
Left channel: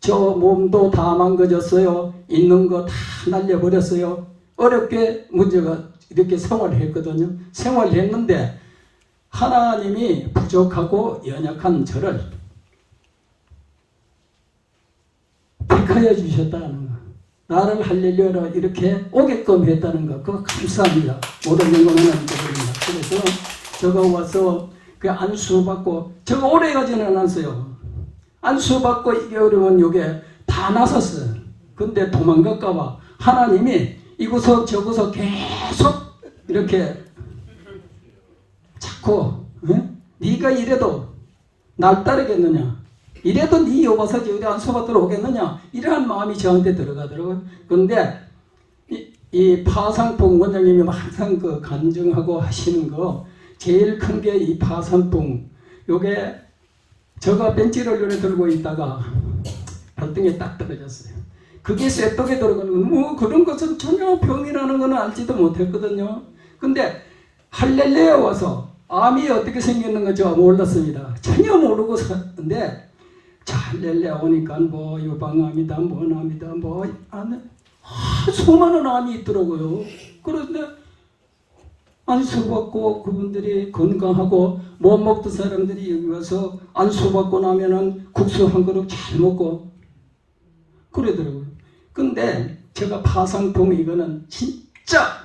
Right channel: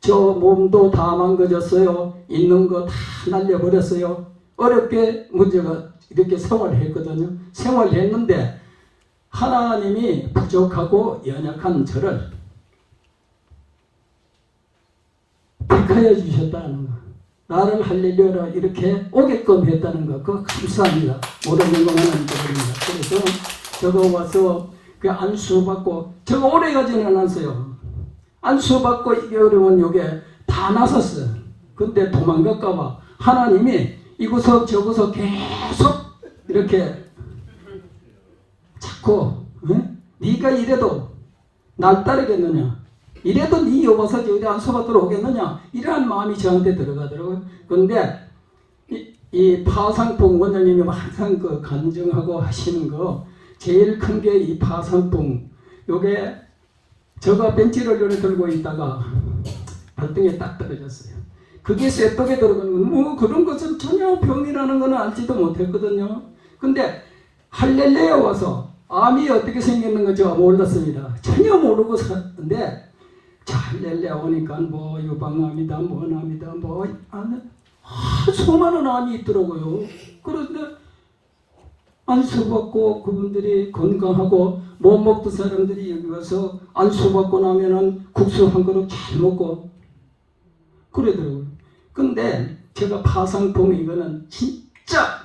저 몸도 다 망가졌어요. 있는 거 다 날려버렸어요. 어렵게 문제가 이렇게 생활했거든요. 생활했는데 하나님이 부족하고 연약한 저를 택하여 주셨다는 거. 나를 할렐루야로 이렇게 오게끔 했다는 거. 그거 감사합니다. 모든 영광 하나님께 드립니다. 그래서 저거 와서 그 안수 받고 저거 오래 가지는 않았어요. 안수 받고 2개월이면 요게 다 나섰어요. 근데 도망갈까봐 하나님이 이곳서 저곳서 계속 이렇게 자꾸 네가 이래도 날 따르겠느냐, 이래도 네 여보서 저리 안수 받도록 오겠느냐, 이러한 마음이 저한테 들어가더라고요. 그런데 이 파상풍 원장님이 항상 그 간증하고 하시는 거 제일 큰 게 이 파상풍. 요게 제가 벤치를 들고 있다가 발등에 딱 떨어졌어요. 그게 쇠떡에 들어가는 건 뭐 그런 것은 전혀 병이라는 건 알지도 못했거든요. 근데 할렐루야 와서 암이 어떻게 생겼는 거 몰랐습니다. 전혀 모르고 살았는데 자 할렐루야 오니까 뭐 유방암이다 뭐암이다 뭐 수많은 암이 있더라고요. 그런데 안수받고 그분들이 건강하고 못 먹던 사람들이 여기 와서 안수받고 나면은 국수 한 그릇 잘 먹고 그러더라고요. 근데 제가 파상풍 이거는 진짜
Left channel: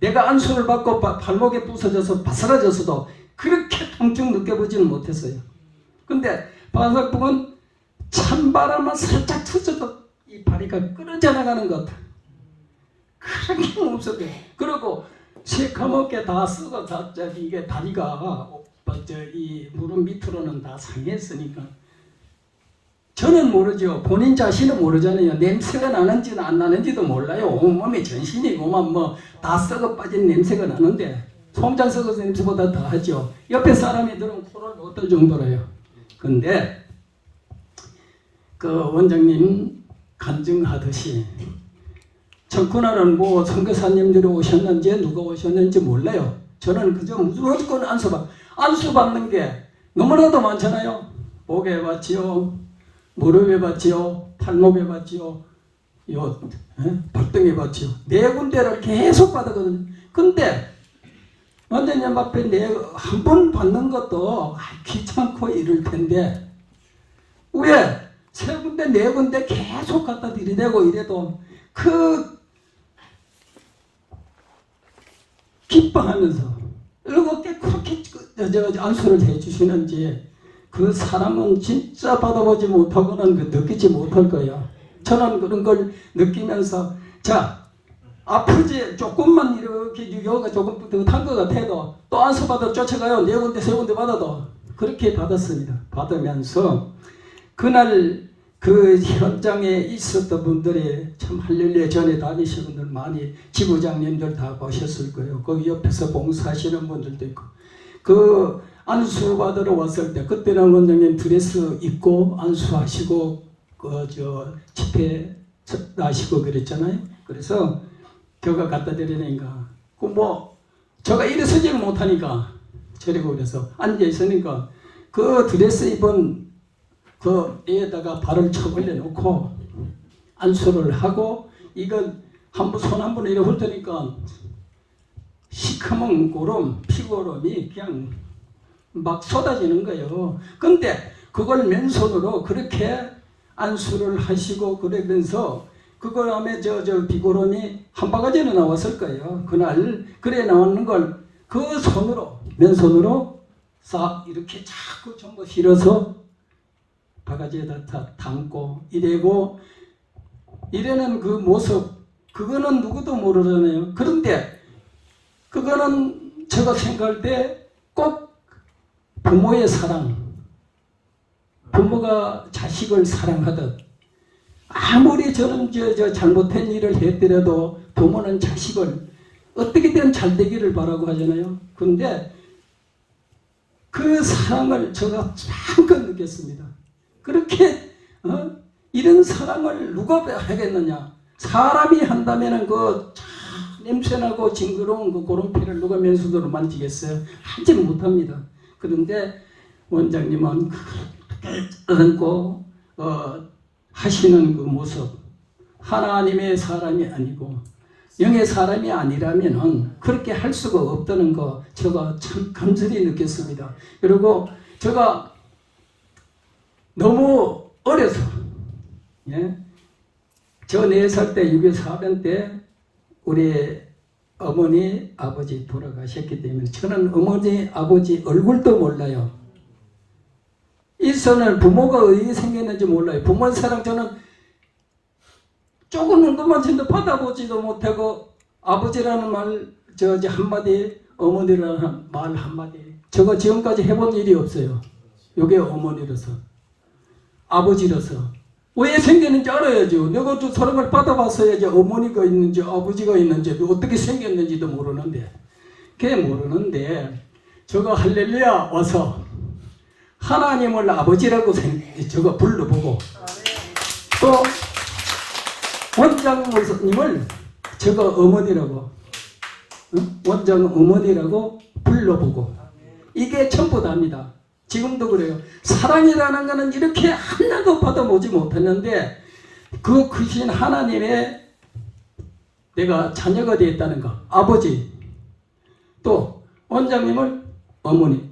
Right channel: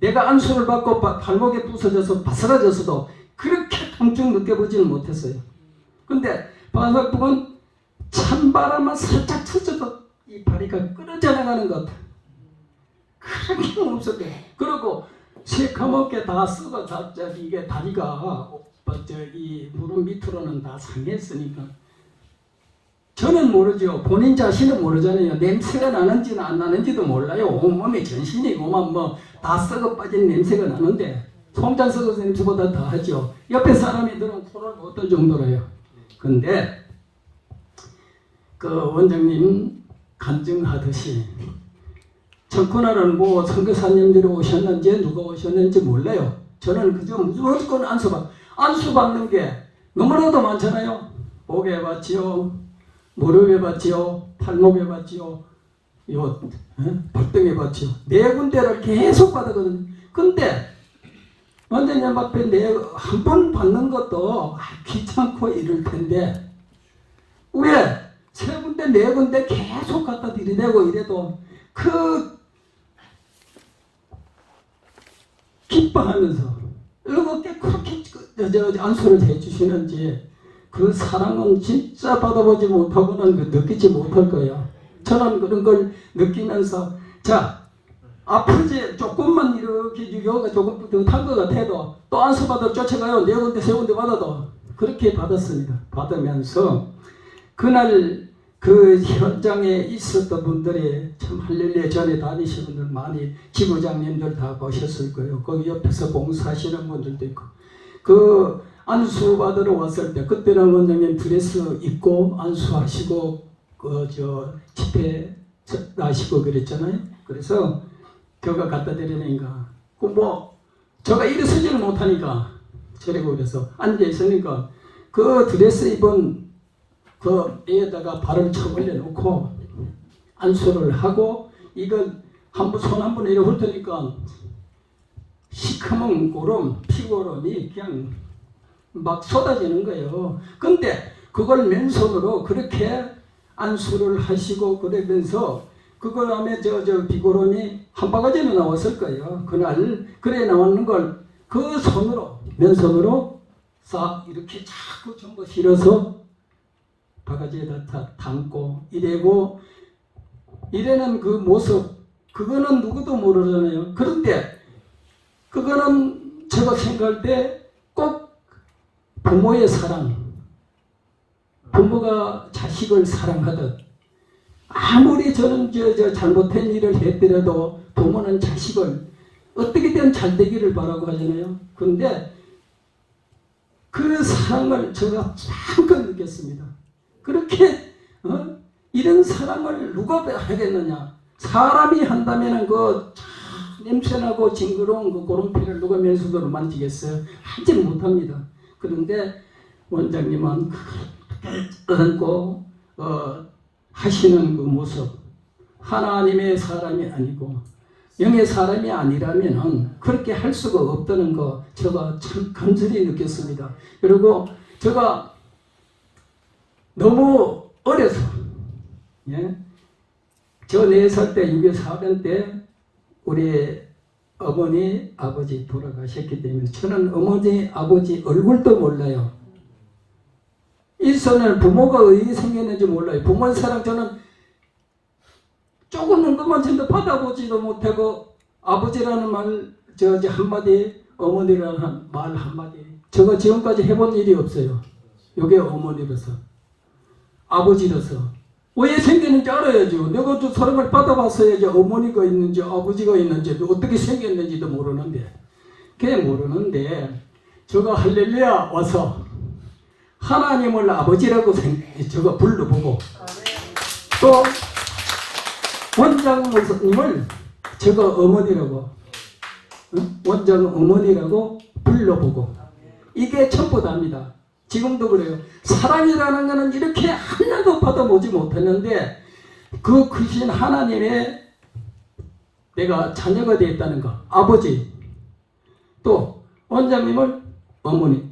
내가 안수를 받고 발목에 부서져서 바스라져서도 그렇게 통증 느껴보지는 못했어요. 근데 파상풍은 찬바람만 살짝 터져도 이 다리가 끊어져 나가는 것 같아요. 그렇게 없었대요. 그리고 새카맣게 다 썩어 다 이게 다리가 이 무릎 밑으로는 다 상했으니까 저는 모르죠. 본인 자신은 모르잖아요. 냄새가 나는지는 안 나는지도 몰라요. 온몸에 전신이 뭐 다 썩어 빠진 냄새가 나는데 송장 썩어서 냄새보다 더 하죠. 옆에 사람이 들으면 코를 못 들 정도로요. 근데 그 원장님 간증하듯이 청구나라는 뭐 선교사님들이 오셨는지 누가 오셨는지 몰라요. 저는 그저 무조건 안수 받는 게 너무나도 많잖아요. 목에 받지요, 무릎에 받지요, 팔목에 받지요, 발등에 받지요. 네 군데를 계속 받거든요. 근데 원장님 앞에 한 번 받는 것도 귀찮고 이럴 텐데 왜 세 군데 네 군데 계속 갖다 들이대고 이래도 그 기뻐하면서 이렇게 그렇게 안수를 해주시는지 그 사랑은 진짜 받아보지 못하고는 느끼지 못할 거예요. 저는 그런 걸 느끼면서 자 아프지 조금만 이렇게 여기가 조금 더 탄 것 같아도 또 안수 받아 쫓아가요. 네 군데 세 군데 받아도 그렇게 받았습니다. 받으면서 그날 그 현장에 있었던 분들이 참 할렐루야 전에 다니시는 분들 많이 지부장님들 다 보셨을 거예요. 거기 옆에서 봉사하시는 분들도 있고 그 안수 받으러 왔을 때 그때는 원장님 드레스 입고 안수하시고 집회 하시고 그랬잖아요. 그래서 저가 갖다 드리니까 저가 일어서지를 못하니까 저리고 그래서 앉아 있으니까 그 드레스 입은 그 애에다가 발을 쳐벌려 놓고 안수를 하고 이걸 손 한 번 이렇게 훑으니까 시커먼 고름, 피고름이 그냥 막 쏟아지는 거예요. 근데 그걸 맨손으로 그렇게 안수를 하시고 그러면서 그걸 하면 저 비고름이 한 바가지는 나왔을 거예요. 그날 그래 나오는 걸 그 손으로 맨손으로 싹 이렇게 자꾸 전부 실어서 바가지에다 담고 이래는 그 모습 그거는 누구도 모르잖아요. 그런데 그거는 제가 생각할 때 꼭 부모의 사랑, 부모가 자식을 사랑하듯 아무리 저는 잘못된 일을 했더라도 부모는 자식을 어떻게든 잘 되기를 바라고 하잖아요. 그런데 그 사랑을 제가 잠깐 느꼈습니다. 그렇게 이런 사랑을 누가 하겠느냐? 사람이 한다면은 그 냄새나고 징그러운 그 고름피를 누가 맨손으로 만지겠어요? 하지는 못합니다. 그런데 원장님은 안고 하시는 그 모습 하나님의 사람이 아니고 영의 사람이 아니라면은 그렇게 할 수가 없다는 거 제가 참 감사히 느꼈습니다. 그리고 제가 너무 어려서 저 4살 때 6.24 때 우리 어머니 아버지 돌아가셨기 때문에 저는 어머니 아버지 얼굴도 몰라요. 일선을 부모가 어떻게 생겼는지 몰라요. 부모의 사랑 저는 조금 정도만 전도 받아보지도 못하고 아버지라는 말 한마디 어머니라는 말 한마디 저거 지금까지 해본 일이 없어요. 이게 어머니로서 아버지로서 왜 생겼는지 알아야죠. 내가 저 사랑을 받아봤어야지 어머니가 있는지 아버지가 있는지 어떻게 생겼는지도 모르는데 그게 모르는데 저거 할렐루야 와서 하나님을 아버지라고 저거 불러보고 또 원장 목사님을 저거 어머니라고 원장 어머니라고 불러보고 이게 전부 다입니다. 지금도 그래요. 사랑이라는 것은 이렇게 하나도 받아보지 못했는데 그 크신 하나님의 내가 자녀가 되었다는 거 아버지 또 원장님을 어머니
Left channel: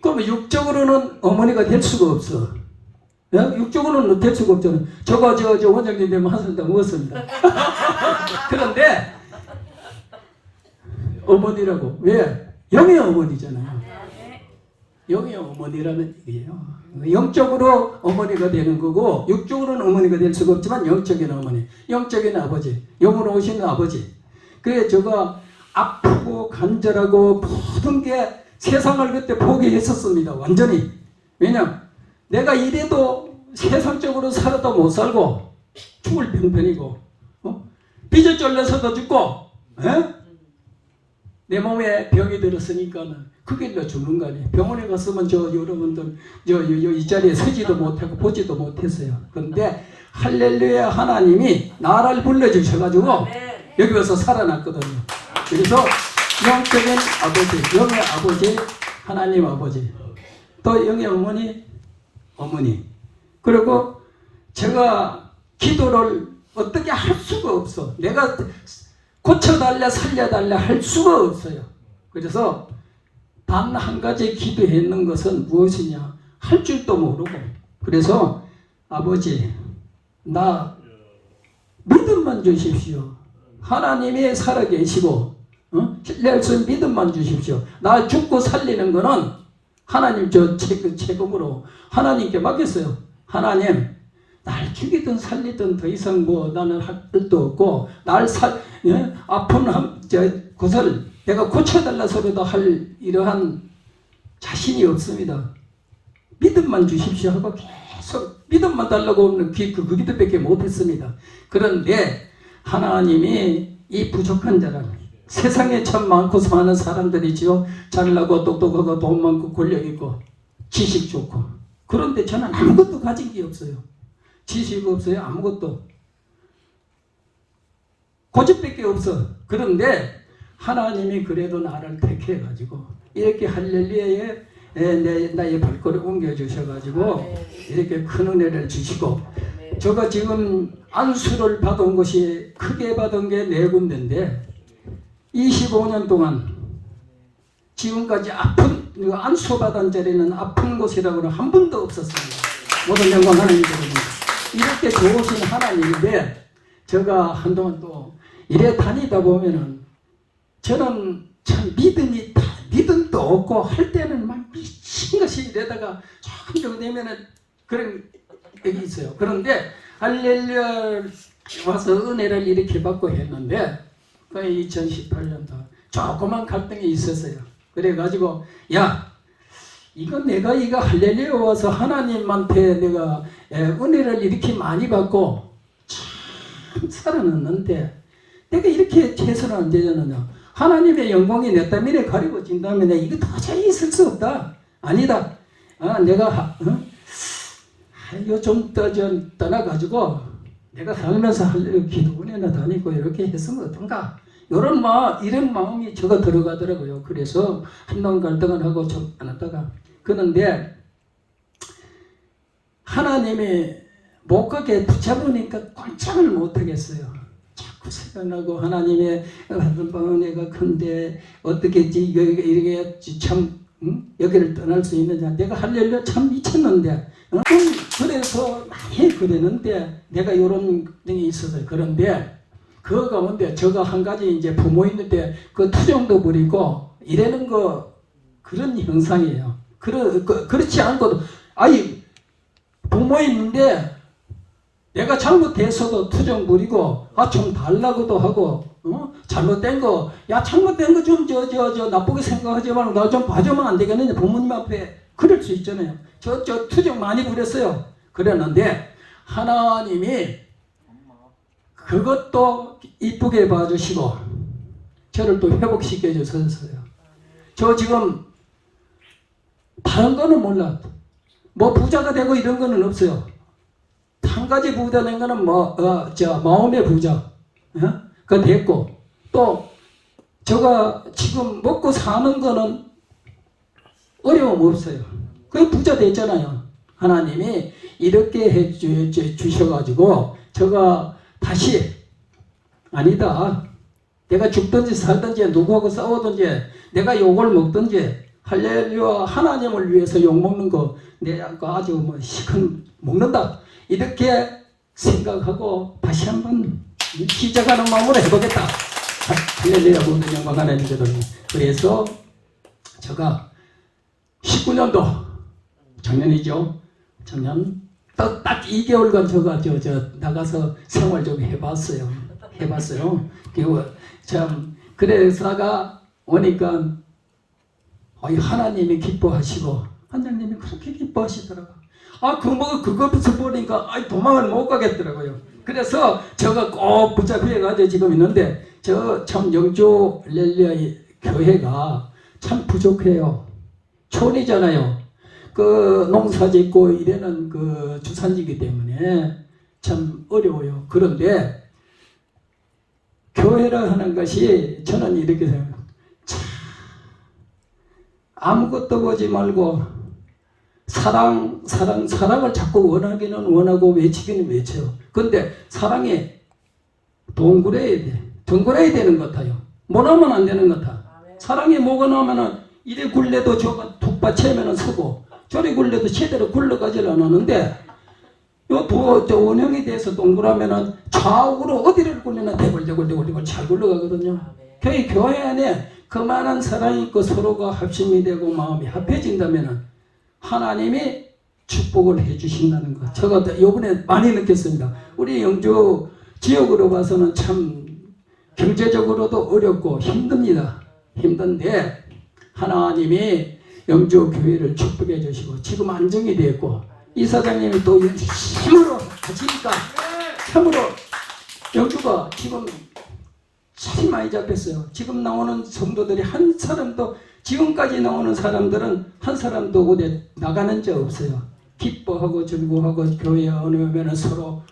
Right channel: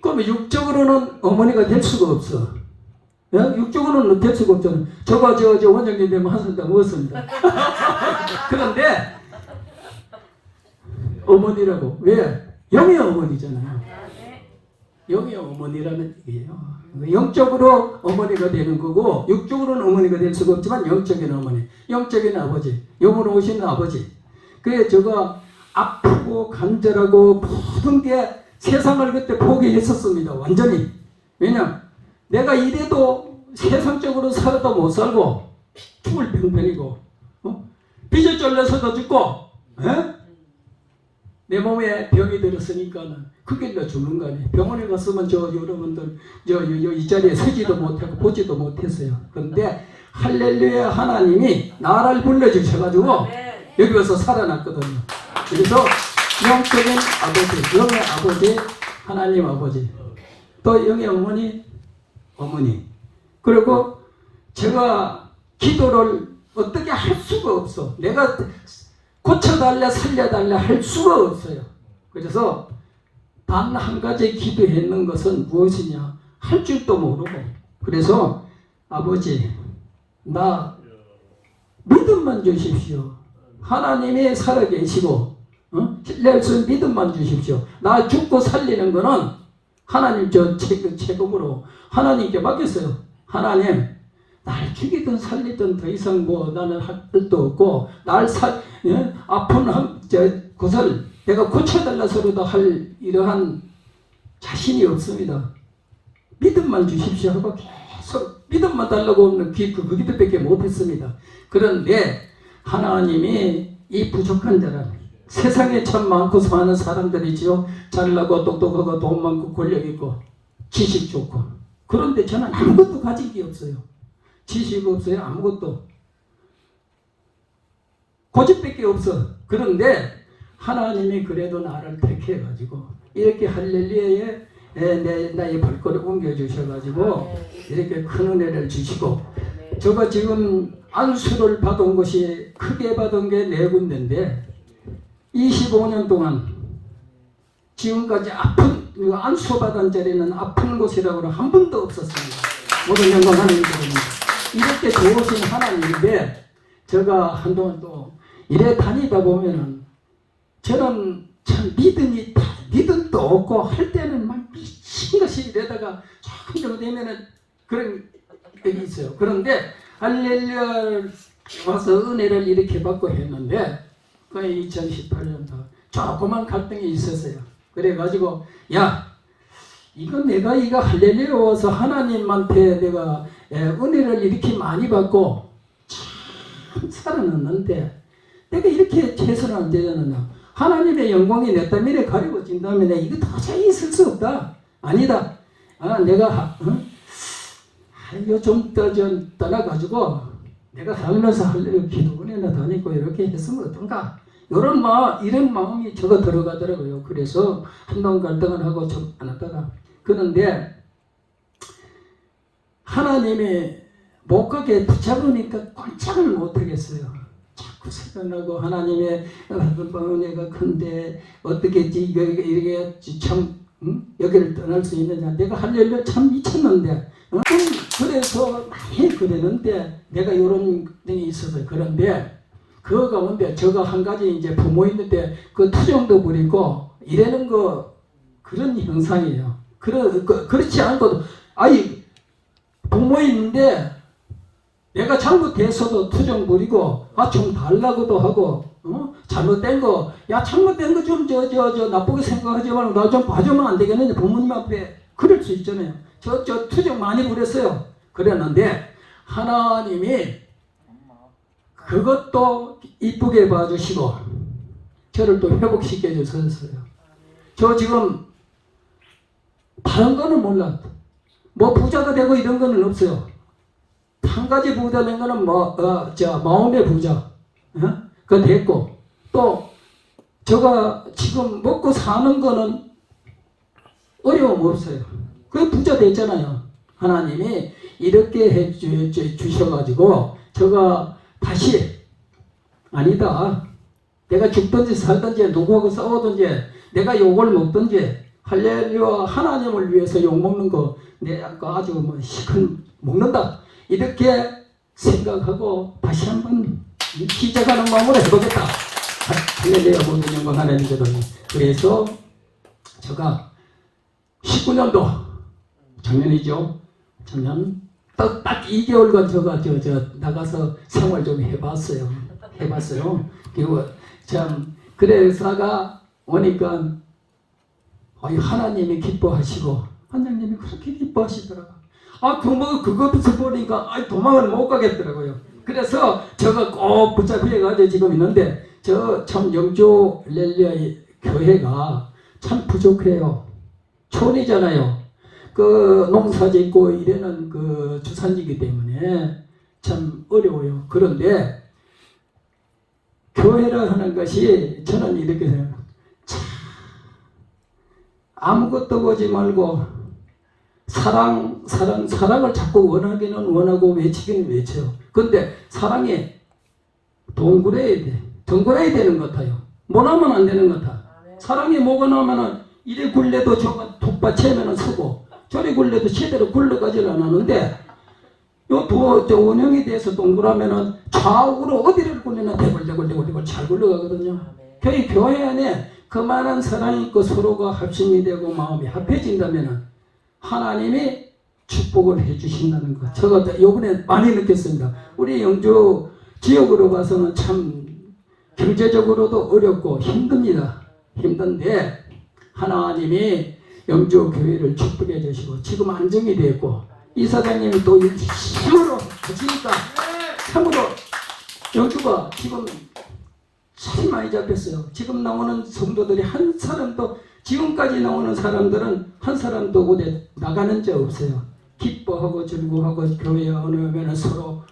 그럼 육적으로는 어머니가 될 수가 없어. 육적으로는 어쩔 수가 없잖아요. 저거 저 원장님 되면 한술 다 먹었습니다. 그런데 어머니라고 왜? 영의 어머니잖아요. 영의 어머니라는 얘기예요. 영적으로 어머니가 되는 거고 육적으로는 어머니가 될 수가 없지만 영적인 어머니, 영적인 아버지, 영으로 오시는 아버지. 그래 제가 아프고 간절하고 모든 게 세상을 그때 포기했었습니다. 완전히. 왜냐? 내가 이래도 세상적으로 살아도 못 살고 죽을 편편이고 빚을 쫄려서도 죽고 내 몸에 병이 들었으니까는 그 길로 죽는 거 아니에요. 병원에 갔으면 여러분들 이 자리에 서지도 못하고 보지도 못했어요. 그런데 할렐루야 하나님이 나를 불러주셔가지고 여기 와서 살아났거든요. 그래서 영적인 아버지, 영의 아버지, 하나님 아버지, 또 영의 어머니. 그리고 제가 기도를 어떻게 할 수가 없어. 내가 고쳐달라 살려달라 할 수가 없어요. 그래서 단 한 가지 기도했는 것은 무엇이냐? 할 줄도 모르고. 그래서 아버지 나 믿음만 주십시오. 하나님이 살아계시고 신뢰할 수 있는 믿음만 주십시오. 나 죽고 살리는 거는 하나님 저 책임으로 하나님께 맡겼어요. 하나님 날 죽이든 살리든 더 이상 뭐 나는 할 것도 없고 날 아픈 곳을 내가 고쳐달라서라도 할 이러한 자신이 없습니다. 믿음만 주십시오 하고 계속 믿음만 달라고 하는 그 기도밖에 못했습니다. 그런데 하나님이 이 부족한 자를 세상에 참 많고 많은 사람들이지요. 잘나고 똑똑하고 돈 많고 권력 있고 지식 좋고 그런데 저는 아무것도 가진 게 없어요. 지식 없어요. 아무것도 고집밖에 없어. 그런데 하나님이 그래도 나를 택해가지고 이렇게 할렐루야에 나의 발걸음 옮겨주셔가지고 이렇게 큰 은혜를 주시고 제가 지금 안수를 받은 것이 크게 받은 게 4군데인데 25년 동안 지금까지 아픈 안수 받은 자리는 아픈 곳이라고는 한 번도 없었습니다. 모든 영광 하나님께입니다. 이렇게 좋으신 하나님인데 제가 한동안 또 이래 다니다 보면은 저는 참 믿음도 없고 할 때는 막 미친 것이 이러다가 조금 되면은 그런 게 있어요. 그런데 할렐루야 와서 은혜를 이렇게 받고 했는데 그 2018년도 조그만 갈등이 있었어요. 그래가지고 야 내가 할렐루야 와서 하나님한테 내가 은혜를 이렇게 많이 받고 참 살아났는데 내가 이렇게 최선을 안 되잖아. 하나님의 영광이 내 땀에 가리고 진다면 이거 도저히 있을 수 없다. 아니다. 내가 이거 좀 떠나가지고 내가 살면서 할렐루야 기도 은혜나 다니고 이렇게 했으면 어떤가. 이런 마음이 저가 들어가더라고요. 그래서 한동안 갈등을 하고 좀 안 하다가 그런데 하나님이 못 가게 붙잡으니까 꼼짝을 못 하겠어요. 자꾸 생각나고 하나님의 은혜가 큰데 어떻게 이렇게 참 여기를 떠날 수 있느냐. 내가 할렐루야 참 미쳤는데 그래서 많이 그랬는데 내가 이런 등이 있어서 그런데 그 가운데 저가 한 가지 이제 부모 있는데 그 투정도 부리고 이러는 거 그런 형상이에요. 그렇지 않고도 부모 있는데 내가 잘못해서도 투정 부리고 좀 달라고도 하고 잘못된 거 잘못된 거 좀 나쁘게 생각하지 말고 나 좀 봐주면 안 되겠느냐. 부모님 앞에 그럴 수 있잖아요. 저 투정 많이 부렸어요. 그랬는데 하나님이 그것도 이쁘게 봐주시고 저를 또 회복시켜 주셨어요. 저 지금 다른 거는 몰라. 뭐 부자가 되고 이런 거는 없어요. 한 가지 부자 된 거는 마음의 부자. 그거 됐고 또 제가 지금 먹고 사는 거는 어려움 없어요. 그게 부자 됐잖아요. 하나님이 이렇게 해 주셔가지고 제가 다시 아니다. 내가 죽든지 살든지 누구하고 싸우든지 내가 욕을 먹든지 할렐루야 하나님을 위해서 욕먹는 거 내가 아주 뭐 시큰 먹는다 이렇게 생각하고 다시 한번 시작하는 마음으로 해보겠다. 할렐루야 모든 영광 하나님께로니. 그래서 제가 19년도 작년이죠. 작년 딱 2개월간 제가 저 나가서 생활 좀 해봤어요. 그리고 참 그래서가 오니까 하나님이 기뻐하시고 하나님이 그렇게 기뻐하시더라고. 그거부터 보니까 도망을 못 가겠더라고요. 그래서 제가 꼭 붙잡혀가지고 지금 있는데 저 참 영주 할렐루야 교회가 참 부족해요. 촌이잖아요. 그 농사 짓고 이래는 그 주산지기 때문에 참 어려워요. 그런데 교회를 하는 것이 저는 이렇게 생각해요. 아무것도 보지 말고 사랑을 자꾸 원하기는 원하고 외치기는 외쳐요. 근데 사랑이 동그래야 돼. 덩그래야 되는 것 같아요. 못하면 안 되는 것 같아. 사랑이 뭐가 나면은 이래 굴려도 저가 툭받치면은 서고 저리 굴려도 제대로 굴러가지를 않았는데 저 원형에 대해서 동그라면은 좌우로 어디를 굴리나 대굴대굴 잘 굴러가거든요. 교회 안에 그만한 사랑이 있고 서로가 합심이 되고 마음이 합해진다면은 하나님이 축복을 해주신다는 것. 제가 이번에 많이 느꼈습니다. 우리 영주 지역으로 봐서는 참 경제적으로도 어렵고 힘듭니다. 힘든데 하나님이 영주 교회를 축복해 주시고 지금 안정이 됐고 이사장님이 또 힘으로 하시니까 참으로 영주가 지금 살이 많이 잡혔어요. 지금 나오는 성도들이 한 사람도 지금까지 나오는 사람들은 한 사람도 어디 나가는 적 없어요. 기뻐하고 즐거워하고 교회에 오면 서로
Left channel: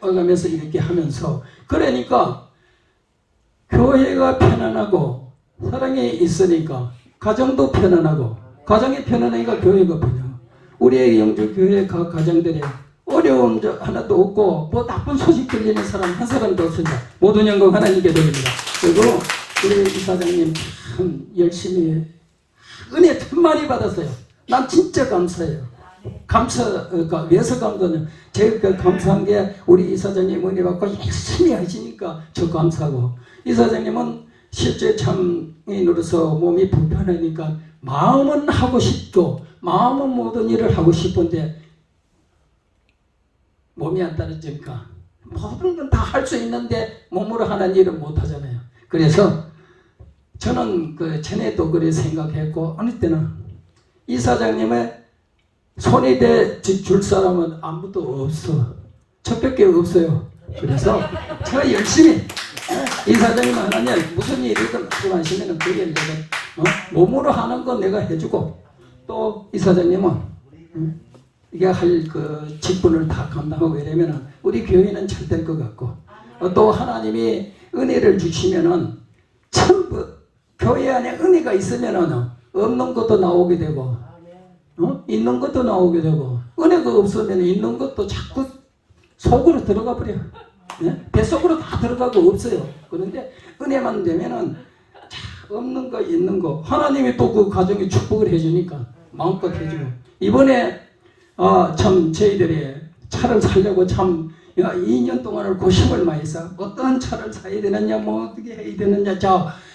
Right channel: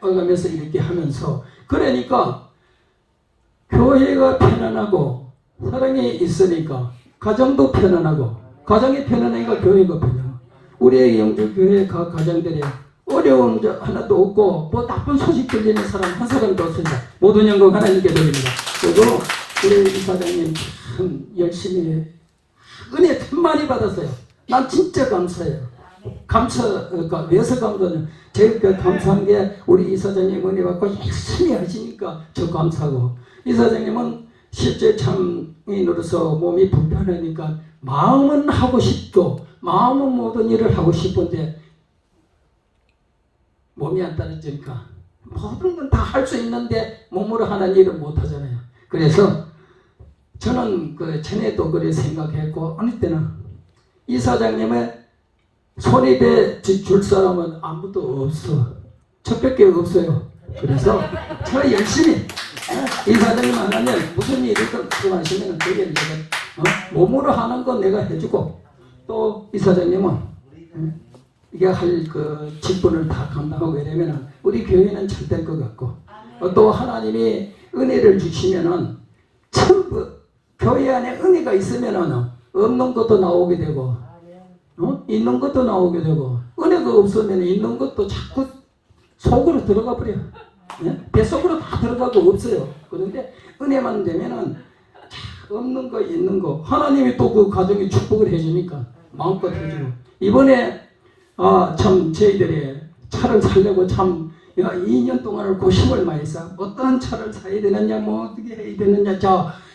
가면서 이렇게 하면서 그러니까 교회가 편안하고 사랑이 있으니까 가정도 편안하고 가정이 편안하니까 교회가 편안하고 우리의 영주 교회 각 가정들이 어려운 적 하나도 없고 뭐 나쁜 소식 들리는 사람 한 사람도 없습니다. 모든 영광 하나님께 드립니다. 그리고 우리 이사장님 참 열심히 은혜 참 많이 받았어요. 난 진짜 감사해요. 왜서 감사하냐. 제가 감사한 게 우리 이사장님 은혜 받고 열심히 하시니까 저 감사하고 이사장님은 실제 참인으로서 몸이 불편하니까 마음은 하고 싶고 마음은 모든 일을 하고 싶은데 몸이 안 따라주니까 모든 건 다 할 수 있는데 몸으로 하는 일은 못 하잖아요. 그래서 저는 그 전에도 그래 생각했고 어느 때는 이사장님의 손이 대줄 사람은 아무도 없어. 저밖에 없어요. 그래서 제가 열심히 이사장님 하나님 무슨 일이든 말씀하시면 그 일을 내가 몸으로 하는 건 내가 해주고 또 이사장님은 이게 할 그 직분을 다 감당하고 이러면은 우리 교회는 잘 될 것 같고 또 하나님이 은혜를 주시면은 전부 교회 안에 은혜가 있으면은 없는 것도 나오게 되고 있는 것도 나오게 되고 은혜가 없으면 있는 것도 자꾸 속으로 들어가 버려. 뱃속으로 다 들어가고 없어요. 그런데 은혜만 되면은 없는 거 있는 거 하나님이 또 그 가정에 축복을 해주니까 마음껏 해주고 이번에 참 저희들이 차를 사려고 참 2년 동안을 고심을 많이 했어. 어떤 차를 사야 되느냐 뭐 어떻게 해야 되느냐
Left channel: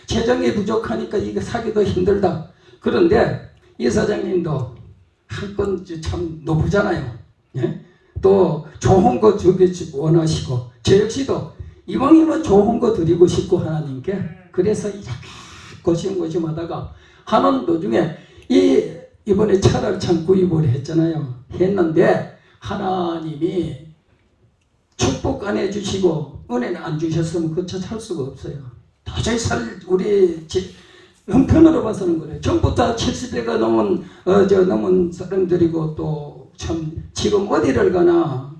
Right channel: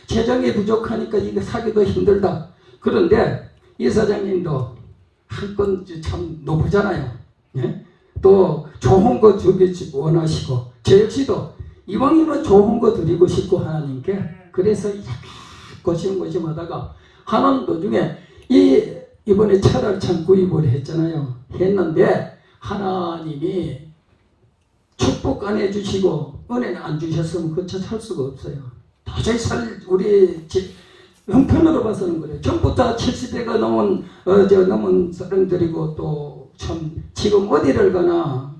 재정이 부족하니까 이거 사기도 힘들다. 그런데 이사장님도 한 건 참 높으잖아요. 예? 또 좋은 거 주기 원하시고 저 역시도 이왕이면 좋은 거 드리고 싶고 하나님께 그래서 이렇게 고심하다가 하는 도중에 이번에 차를 참 구입을 했는데 하나님이 축복 안 해주시고 은혜는 안 주셨으면 그 차 살 수가 없어요. 도저히 우리 형편으로 봐서는 그래요. 전부 다 70대가 넘은 사람들이고 또 참 지금 어디를 가나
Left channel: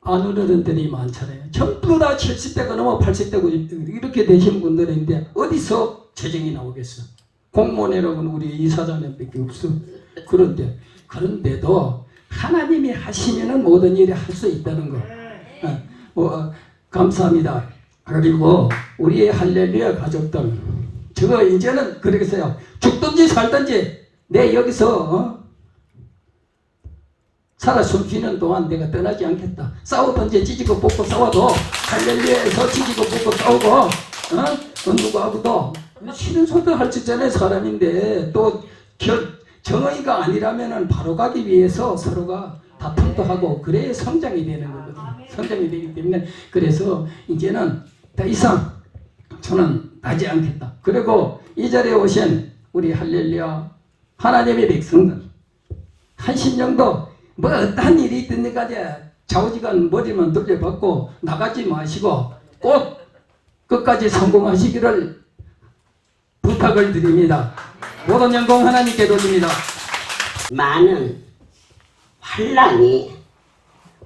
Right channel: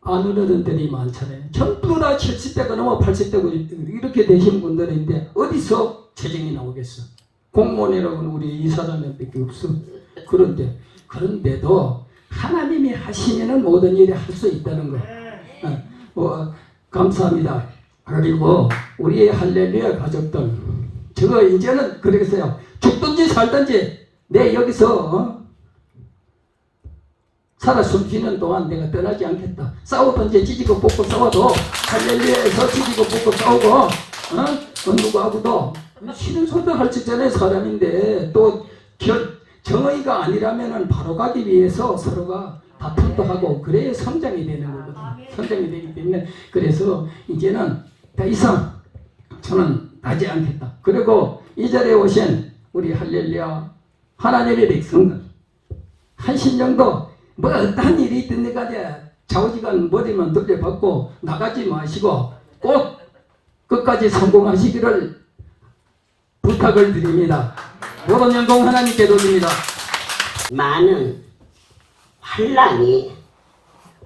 안 어른들이 많잖아요. 전부 다 70대가 넘어 80대고 이렇게 되신 분들인데 어디서 재정이 나오겠어. 공무원이라고는 우리 이사장님밖에 없어. 그런데도 하나님이 하시면은 모든 일이 할 수 있다는 거. 감사합니다. 그리고 우리의 할렐루야 가족들, 제가 이제는 그러겠어요. 죽든지 살든지 내 여기서 살아 숨쉬는 동안 내가 떠나지 않겠다. 싸우든지 찢고 뽑고 싸워도 할렐루야에서 찢고 뽑고 싸우고 누구하고도 쉬는 소리도 할 수 있잖아요. 사람인데 또 정의가 아니라면은 바로 가기 위해서 서로가 다툼도 하고 그래야 성장이 되는 거거든요. 성장이 되기 때문에 그래서 이제는 더 이상 저는 나지 않겠다. 그리고 이 자리에 오신 우리 할렐루야 하나님의 백성들 한 심령도 뭐 어떠한 일이 있든 간에 좌우지간 머리만 돌려받고 나가지 마시고 꼭 끝까지 성공하시기를 부탁을 드립니다. 모든 영광 하나님께 돌립니다. 많은 환란이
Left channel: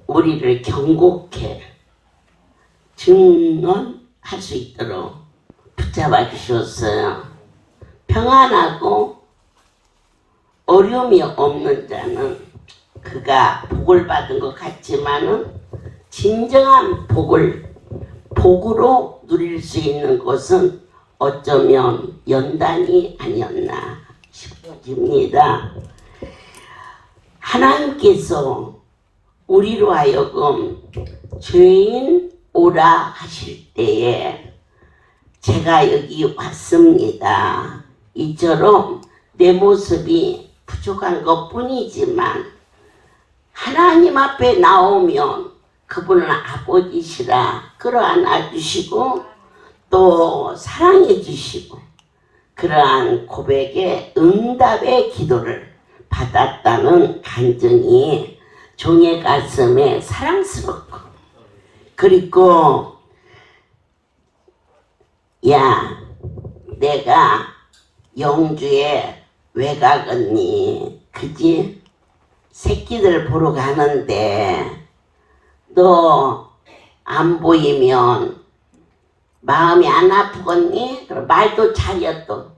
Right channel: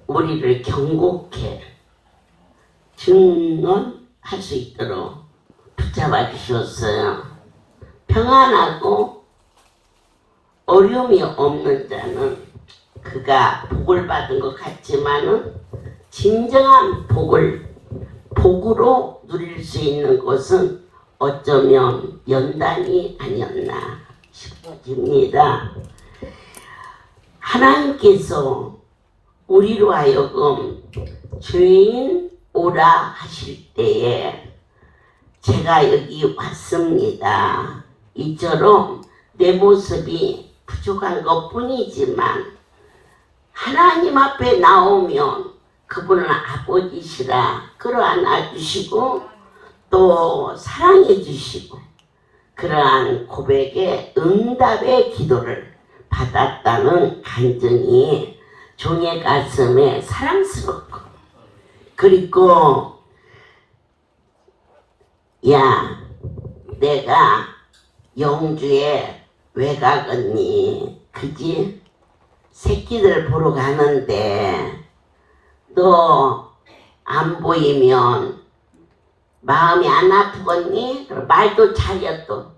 우리를 경고케 증언할 수 있도록 붙잡아 주셨어요. 평안하고 어려움이 없는 자는 그가 복을 받은 것 같지만은 진정한 복으로 누릴 수 있는 것은 어쩌면 연단이 아니었나 싶어집니다. 하나님께서 우리로 하여금 죄인 오라 하실 때에 제가 여기 왔습니다. 이처럼 내 모습이 부족한 것 뿐이지만 하나님 앞에 나오면 그분은 아버지시라 끌어안아 주시고 또 사랑해 주시고 그러한 고백에 응답의 기도를 받았다는 간증이 종의 가슴에 사랑스럽고 그리고 야 내가 영주에 왜 가겠니 그지 새끼들 보러 가는데 너 안 보이면 마음이 안 아프겠니? 그럼 말도 잘려 또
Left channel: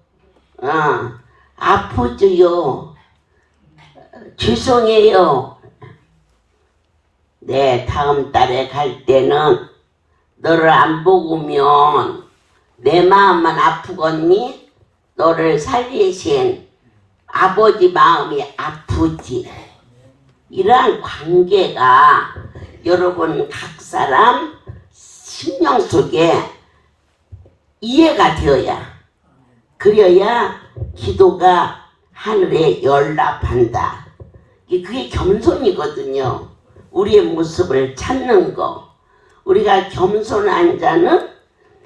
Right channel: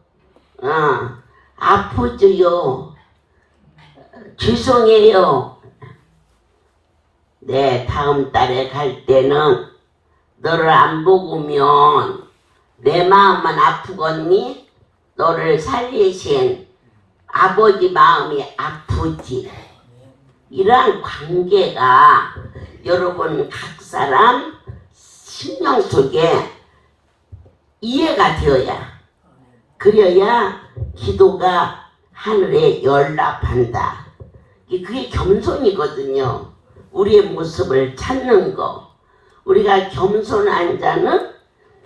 아프죠요 죄송해요 네 다음 달에 갈 때는 너를 안 보고면 내 마음만 아프겠니? 너를 살리신 아버지 마음이 아프지 이러한 관계가 여러분 각 사람 심령 속에 이해가 되어야 그래야 기도가 하늘에 연락한다. 그게 겸손이거든요. 우리의 모습을 찾는 거. 우리가 겸손한 자는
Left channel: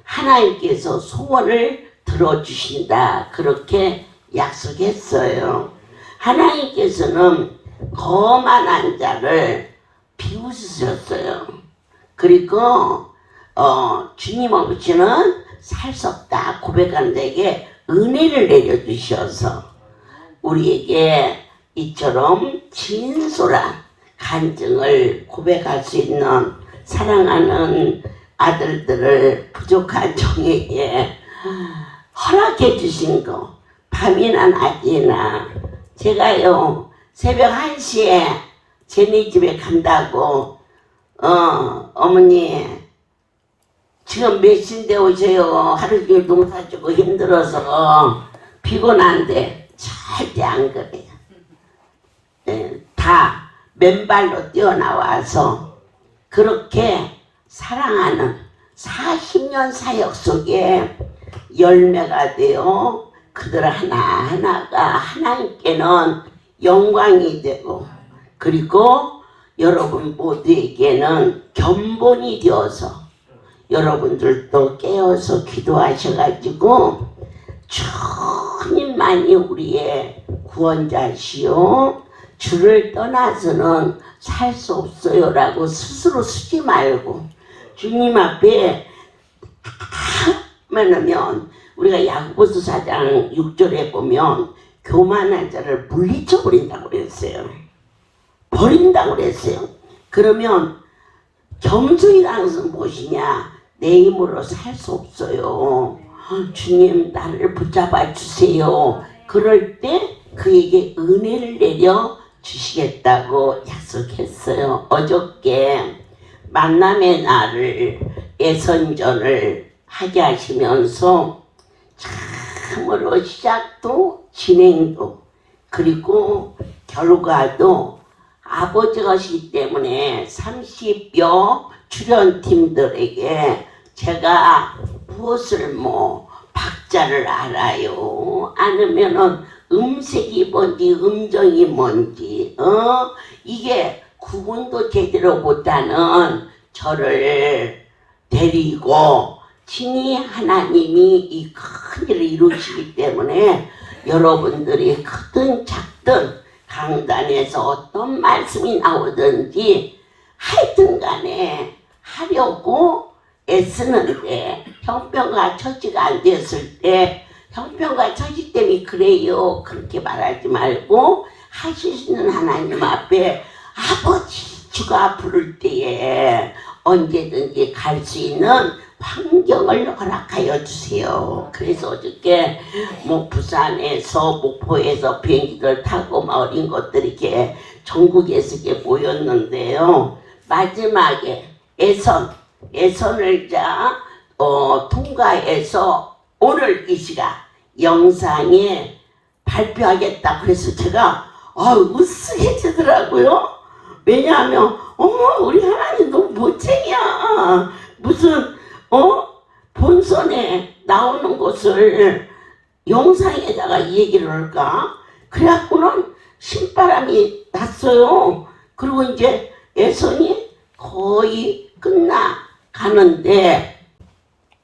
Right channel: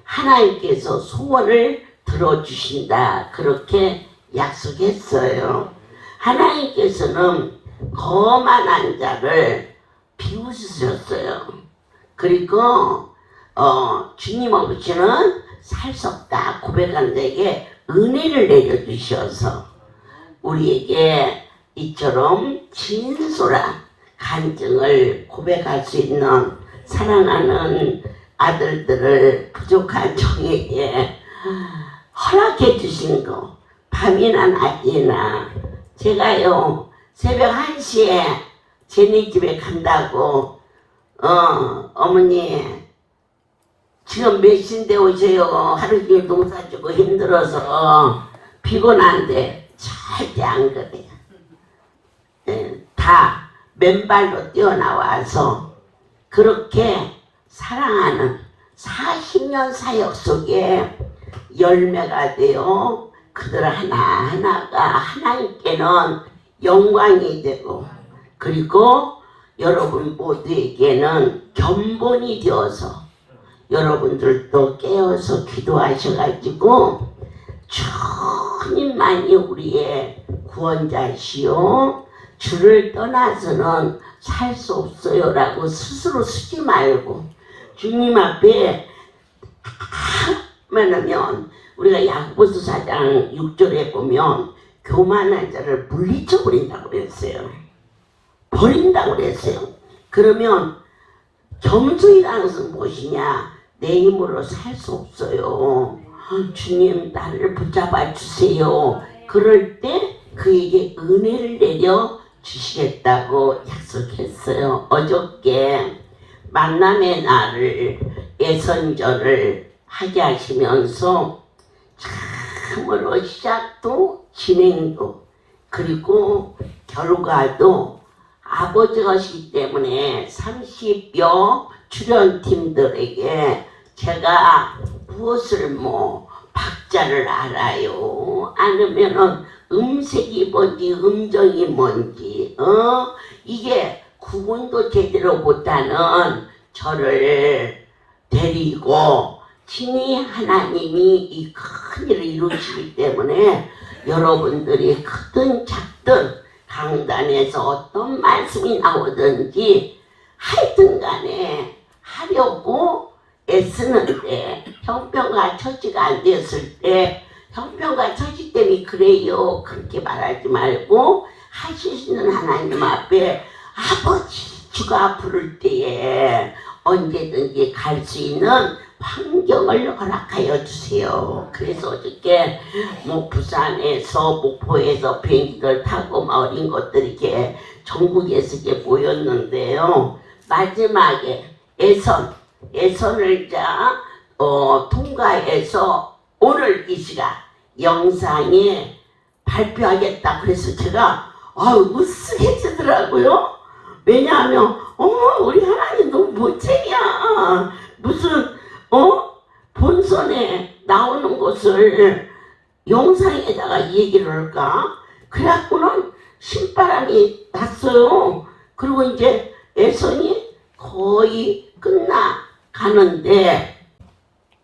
하나님께서 소원을 들어주신다. 그렇게 약속했어요. 하나님께서는 거만한 자를 비웃으셨어요. 그리고 주님 없이는 살 수 없다 고백한 자에게 은혜를 내려주셔서 우리에게 이처럼 진솔한 간증을 고백할 수 있는 사랑하는 아들들을 부족한 종에게 허락해 주신 거 밤이나 낮이나 제가요 새벽 1시에 쟤네 집에 간다고 어머니 지금 몇 시인데 오세요 하루 종일 농사 짓고 힘들어서 피곤한데 절대 안 그래요. 다 맨발로 뛰어나와서 그렇게 사랑하는 40년 사역 속에 열매가 되어 그들 하나하나가 하나님께는 영광이 되고 그리고 여러분 모두에게는 견본이 되어서 여러분들도 깨어서 기도하셔가지고 주님만이 우리의 구원자시오 주를 떠나서는 살 수 없어요 라고 스스로 쓰지 말고 주님 앞에 하면 우리가 야고보서 4장 6절에 보면 교만한 자를 물리쳐 버린다고 그랬어요. 버린다고 그랬어요. 그러면 겸손이라는 것은 무엇이냐? 내 힘으로 살 수 없어요. 주님 나를 붙잡아 주세요. 그럴 때 그에게 은혜를 내려 주시겠다고 약속했어요. 어저께 만남의 날을 예선전을 하게 하시면서 참으로 시작도 진행도 그리고 결과도 아버지시기 때문에 30여 출연팀들에게 제가 무엇을 뭐 박자를 알아요? 아니면은 음색이 뭔지 음정이 뭔지 이게 구분도 제대로 못하는 저를 데리고 친히 하나님이 이 큰일을 이루시기 때문에 여러분들이 크든 작든 강단에서 어떤 말씀이 나오든지 하여튼 간에 하려고 애쓰는데 형편과 처지가 안 됐을 때 형편과 처지 때문에 그래요 그렇게 말하지 말고 하실 수 있는 하나님 앞에 아버지 주가 부를 때에 언제든지 갈 수 있는 환경을 허락하여 주세요. 그래서 어저께 뭐 부산에서 목포에서 비행기를 타고 막 어린 것들이 이렇게 전국에서 이렇게 모였는데요. 마지막에 예선을 통과해서 오늘 이 시간 영상에 발표하겠다. 그래서 제가 으쓱해지더라고요. 왜냐하면 우리 하나님 너무 멋쟁이야. 무슨 본선에 나오는 것을 영상에다가 이 얘기를 할까? 그래갖고는 신바람이 났어요. 그리고 이제 예선이 거의 끝나가는데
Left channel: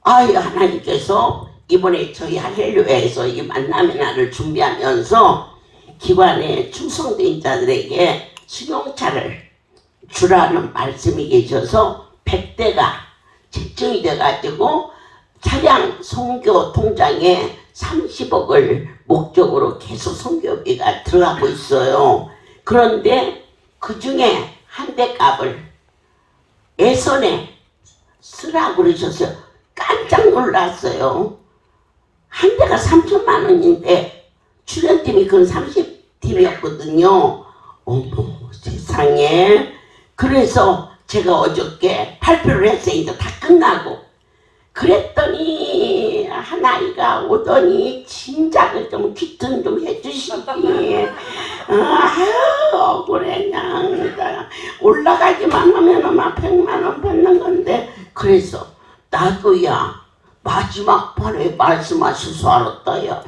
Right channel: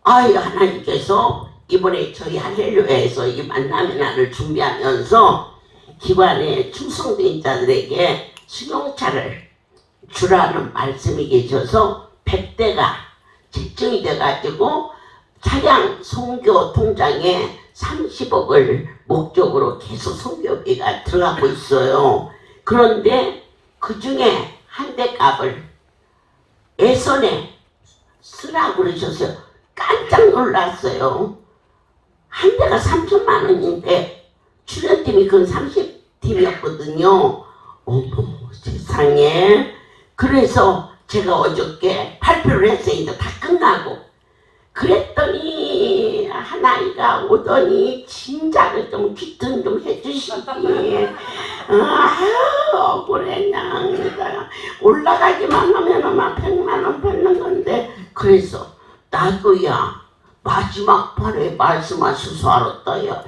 하나님께서 이번에 저희 할렐루야에서 이 만남의 날을 준비하면서 기관의 충성된 자들에게 수용차를 주라는 말씀이 계셔서 100대가 집중이 돼가지고 차량 선교 통장에 30억을 목적으로 계속 선교비가 들어가고 있어요. 그런데 그 중에 한 대 값을 예선에 쓰라고 그러셨어요. 깜짝 놀랐어요. 한 대가 3천만 원인데 출연팀이 그건 30팀이었거든요. 어머 세상에. 그래서 제가 어저께 발표를 했어요. 이제 다 끝나고. 그랬더니 하나이가 오더니 진작을 좀 귀튼 좀 해주시지. 억울했냐. 올라가기만 하면 막 100만 원 받는 건데. 그래서 나도야 마지막 판에 말씀하실 줄 알았다요.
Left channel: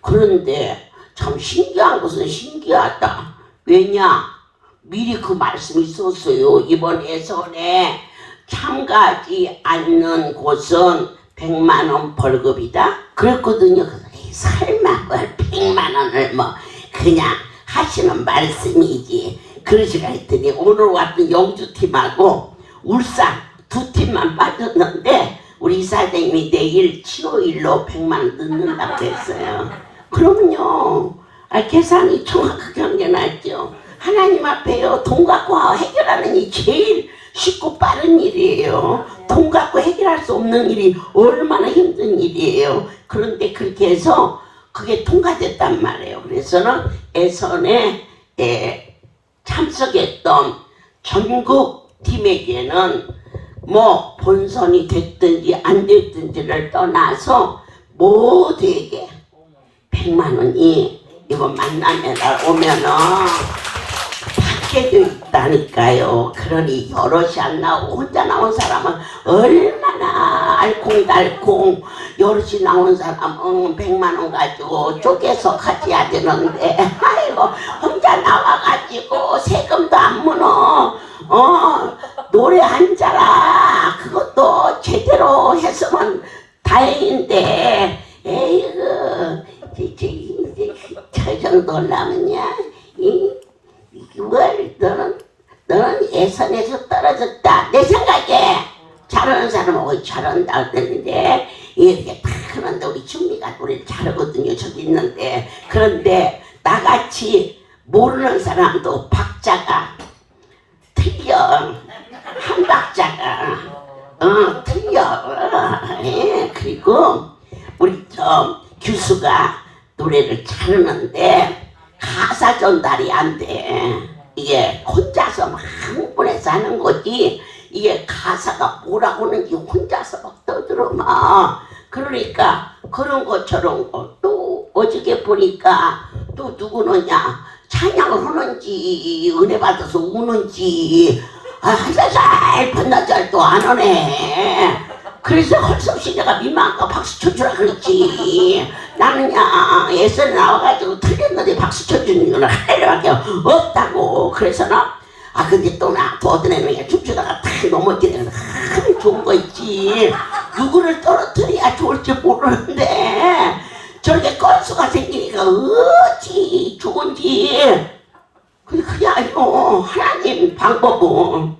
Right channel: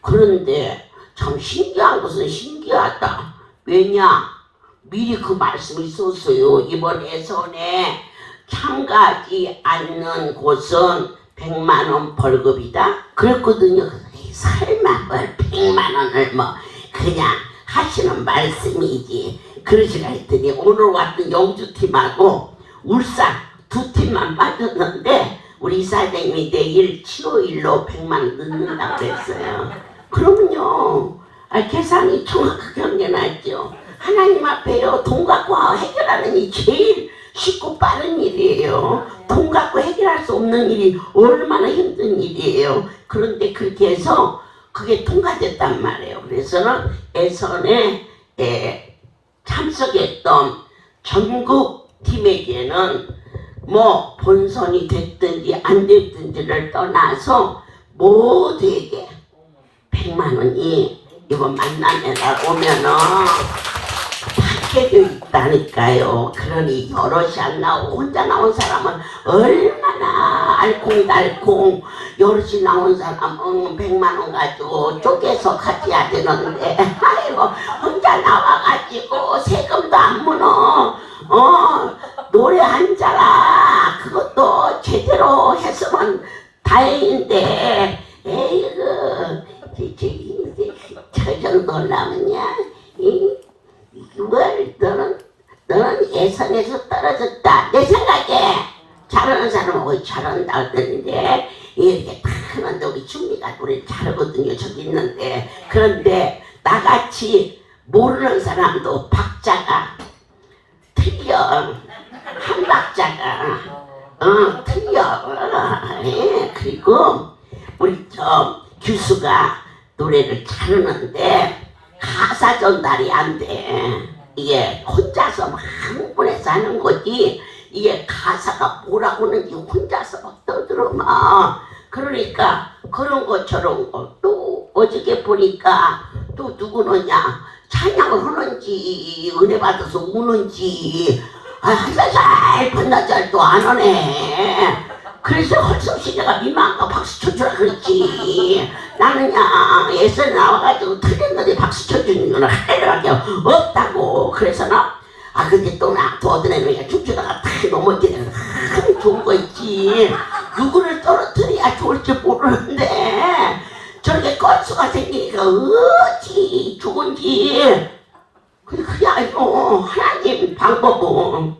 그런데 참 신기한 것은 신기하다. 왜냐? 미리 그 말씀이 있었어요. 이번 예선에 참가하지 않는 곳은 100만 원 벌금이다. 그랬거든요. 설마 뭘 100만 원을 뭐 그냥 하시는 말씀이지. 그러시라 했더니 오늘 같은 영주팀하고 울산 두 팀만 빠졌는데 우리 이사장님이 내일 7.5일로 100만 원 넣는다고 했어요. 그러면요. 계산이 정확하게 한 게 낫죠. 하나님 앞에요. 돈 갖고 해결하는 일이 제일 쉽고 빠른 일이에요. 돈 갖고 해결할 수 없는 일이 얼마나 힘든 일이에요. 그런데 그렇게 해서 그게 통과됐단 말이에요. 그래서는 예선에 참석했던 전국 팀에게는 뭐 본선이 됐든지 안 됐든지를 떠나서 모두에게 100만 원이 이거 만남에 오면은 받게 돼 있다니까요. 그러니 여럿이 안 나오고 혼자 나온 사람은 얼마나 알콩달콩, 여럿이 나온 사람은 100만 원 가지고 쪼개서 가져야 되는데 아이고 혼자 나와가지고 세금도 안 무너. 노래 한 자라 그것도 제대로 했으면 다행인데 에이그 저 정도 하려면야 너는 예선에서 떨어졌다. 내 생각에 잘하는 사람은 잘한다 그랬는데 이렇게 탁 하는데 우리 충미가 노래를 잘하거든요. 저기 있는데. 그런데 나같이 모르는 사람도 박자가 틀려. 한 박자가 틀려. 그리고 우리 교수가 노래를 잘하는데 가사 전달이 안 돼. 이게 혼자서 막 흥분해서 하는 거지 이게 가사가 뭐라고 하는지 혼자서 막 떠들어마. 그러니까 그런 것처럼 또 어저께 보니까 또 누구느냐 찬양을 하는지 은혜 받아서 우는지 한살 반나절도 안 오네. 그래서 헐섭시 내가 민망한가 박수 쳐주라 그랬지. 나는야 예선에 나와가지고 틀렸는데 박수 쳐주는 건 하늘밖에 없다고. 그래서 나 근데 또 나 또 어떤 애는 춤추다가 탁 넘어지는 좋은 거 있지. 누구를 떨어뜨려야 좋을지 모르는데 저렇게 건수가 생기니까 어찌 좋은지. 그게 아니고 하나님 방법은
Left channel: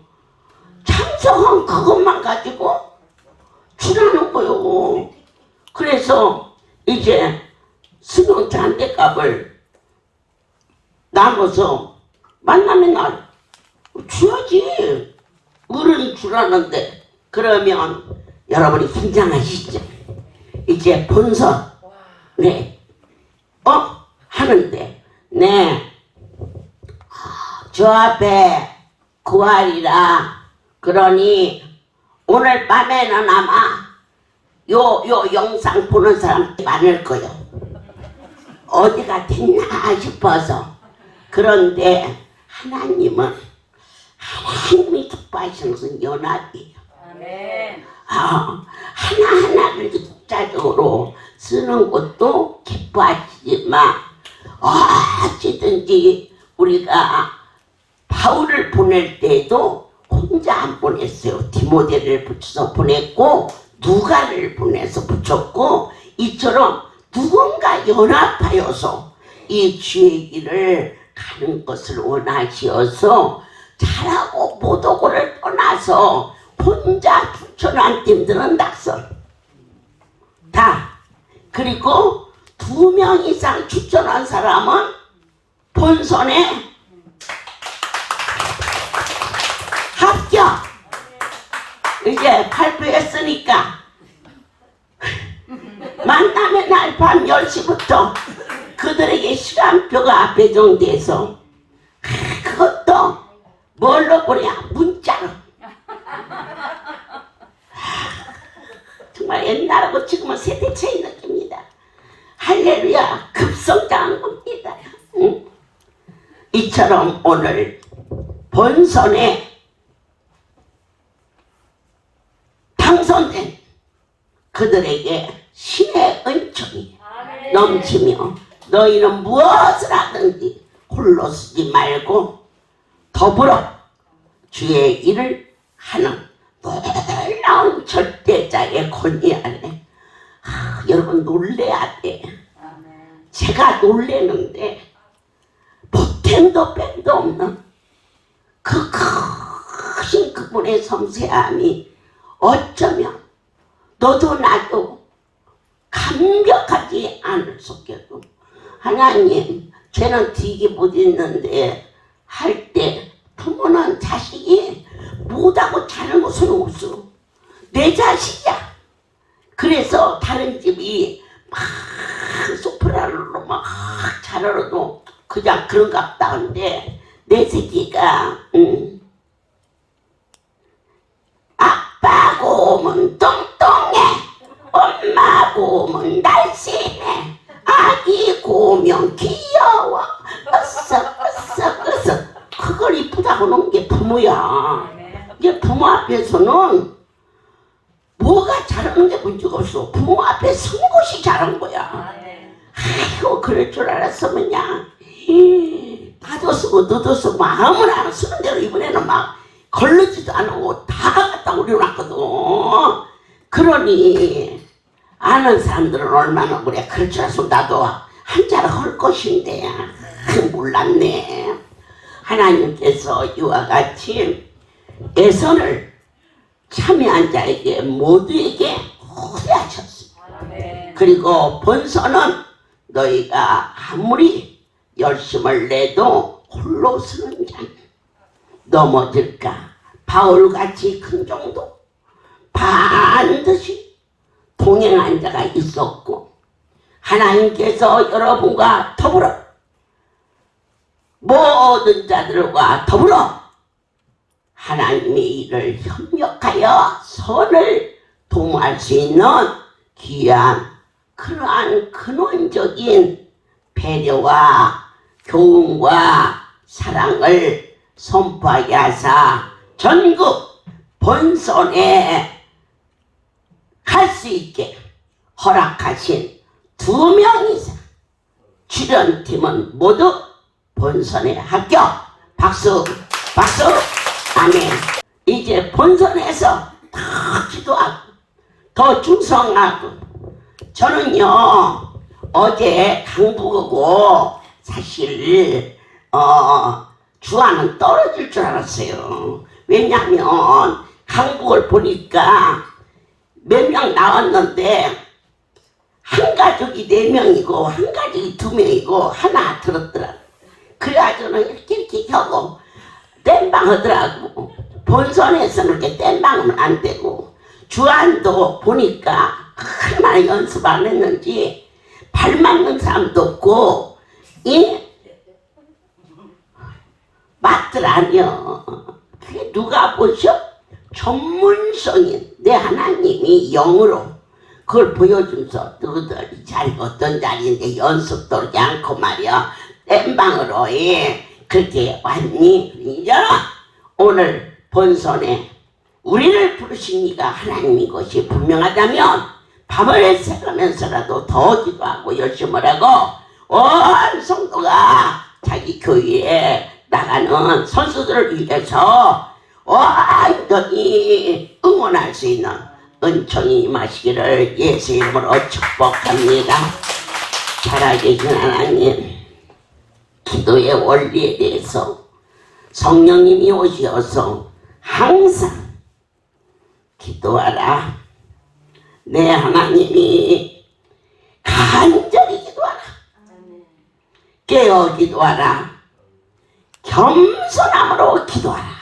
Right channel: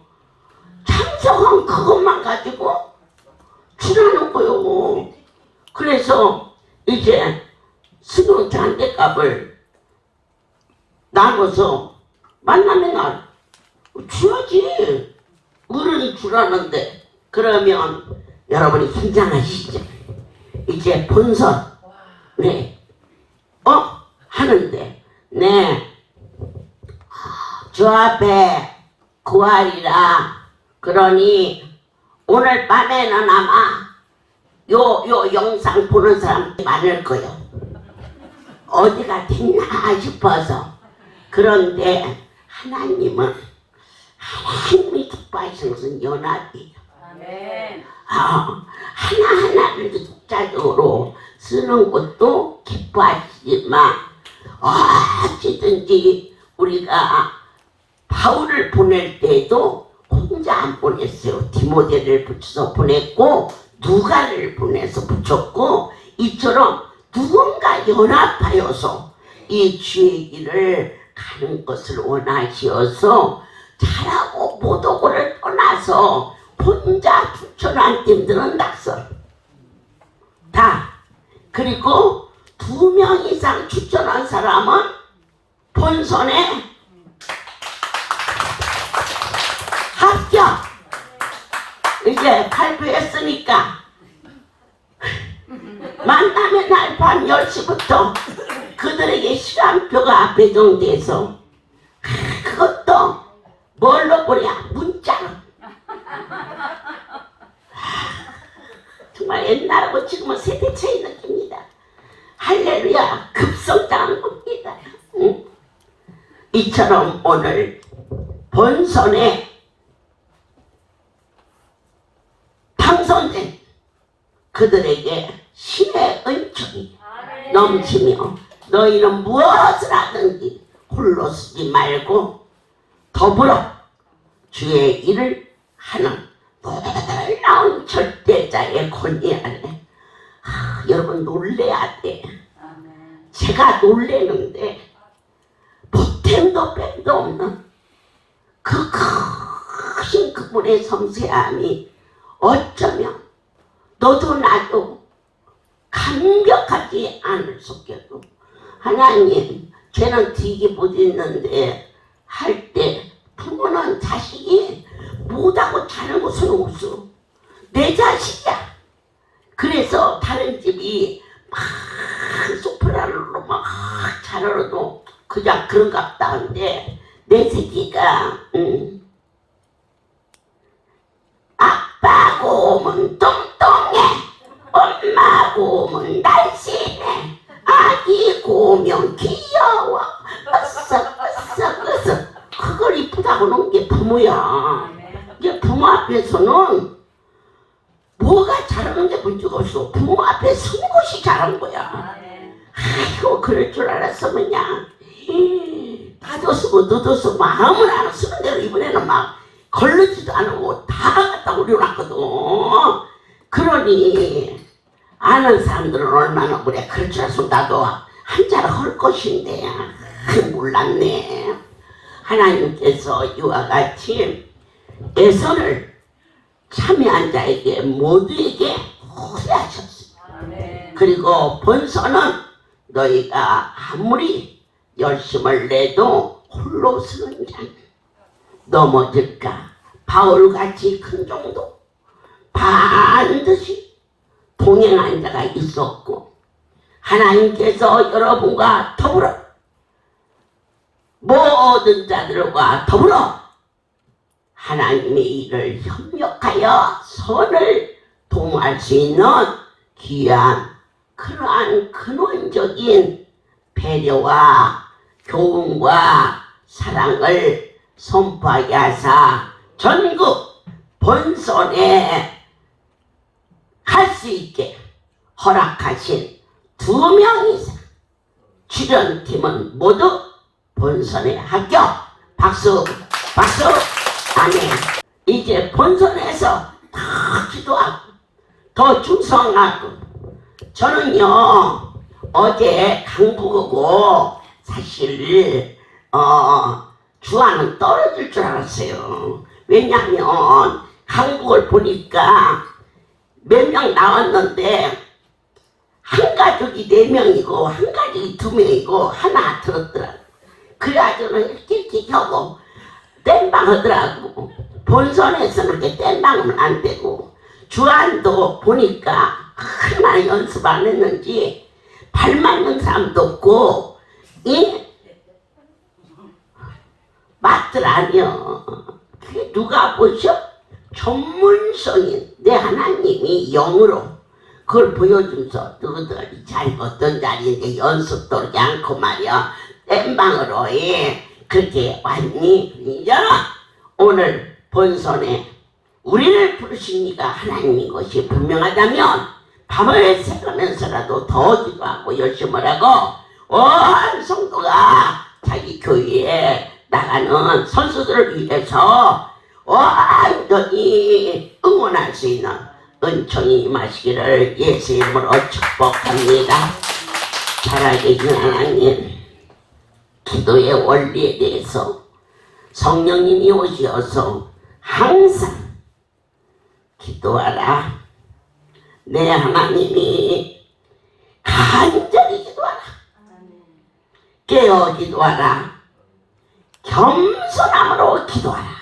창조한 그것만 가지고 주라는 거요. 그래서 이제 승용차 한 대 값을 나눠서 만나면 날 줘야지. 어른이 주라는데. 그러면 여러분이 긴장하시죠. 이제 본선 하는데 저 앞에 9알이라 그러니 오늘 밤에는 아마 요 영상 보는 사람 많을 거예요. 어디가 됐나 싶어서. 그런데 하나님이 기뻐하시는 것은 연합이에요. 하나하나를 독자적으로 쓰는 것도 기뻐하시지만 어찌든지 우리가 바울을 보낼 때도 혼자 안 보냈어요. 디모데를 붙여서 보냈고 누가를 보내서 붙였고 이처럼 누군가 연합하여서 이 주의 길을 가는 것을 원하시어서 잘하고 못하고를 떠나서 혼자 붙여놓은 팀들은 낙선 다. 그리고 2명 이상 추천한 사람은 본선에 합격. 이제 발표했으니까 만나면 날 밤 10시부터 그들에게 시간표가 배정돼서 그것도 뭘로 보내야? 문자로. 정말 옛날하고 지금은 세대 차이 느낍니다. 할렐루야. 급성장한 겁니다. 이처럼 오늘 본선에 당선된 그들에게 신의 은총이 넘치며 너희는 무엇을 하든지 홀로 쓰지 말고 더불어 주의 일을 하는 놀라운 절대자의 권위 아래 여러분 놀래야 돼. 제가 놀래는데 보탬도 뺀도 없는 그 크신 그분의 섬세함이 어쩌면 너도 나도 감격하지 않을 수 없겠고. 하나님 죄는 뒤게 못 있는데 할 때 부모는 자식이 못하고 자는 것은 없어. 내 자식이야. 그래서 다른 집이 막 소프라노로 막 잘하러도 그냥 그런갑다 한데 내 새끼가 아빠 곰은 뚱뚱해, 엄마 곰은 날씬해, 아기 곰은 귀여워, 으쓱 그걸 이쁘다고 놓은 게 부모야. 이제 부모 앞에서는 뭐가 잘하는 게 문제가 없어. 부모 앞에 선 것이 잘한 거야. 아이고 그럴 줄 알았으면야 나도 쓰고 너도 쓰고 마음은 안 쓰는 대로 이번에는 막 걸르지도 않고 다 갖다 올려놨거든. 그러니 아는 사람들은 얼마나 그래. 그럴 줄 알았으면 나도 한자를 할 것인데 몰랐네. 하나님께서 이와 같이 예선을 참여한 자에게 모두에게 호대하셨습니다. 그리고 본선은 너희가 아무리 열심을 내도 홀로 서는 자는 넘어질까 바울같이 큰 정도 반드시 동행한 자가 있었고 하나님께서 여러분과 더불어 모든 자들과 더불어 하나님의 일을 협력하여 선을 도모할 수 있는 귀한 그러한 근원적인 배려와 교훈과 사랑을 선포하게 하사 전국 본선에 갈 수 있게 허락하신 2명 이상 출연팀은 모두 본선에 합격. 박수 박수. 아멘. 이제 본선에서 더 기도하고 더 충성하고. 저는요 어제 강북이고 사실 주안은 떨어질 줄 알았어요. 왜냐하면 강북을 보니까 몇 명 나왔는데 한 가족이 4명이고 한 가족이 2명이고 하나 들었더라. 그래가지고는 이렇게 하고 땜방 하더라고. 본선에서 그렇게 땜방은 안 되고. 주안도 보니까 얼마나 연습 안 했는지 발 맞는 사람도 없고 맞더라니요. 그게 누가 보셔? 전문성인 내 하나님이 영으로 그걸 보여주면서 너희들 이 자리가 어떤 자리인데 연습도 하지 않고 말이야 땜방으로 그렇게 왔니? 이제 오늘 본선에 우리를 부르신 이가 하나님인 것이 분명하다면 밤을 새가면서라도 더 기도하고 열심히 하고 온 성도가 자기 교회에 나가는 선수들을 위해서 완전히 응원할 수 있는 은총이 임하시기를 예수 이름으로 축복합니다. 살아계신 하나님, 기도의 원리에 대해서 성령님이 오셔서 항상 기도하라. 내 하나님이 간절히 기도하라. 깨어 기도하라. 겸손함으로 기도하라.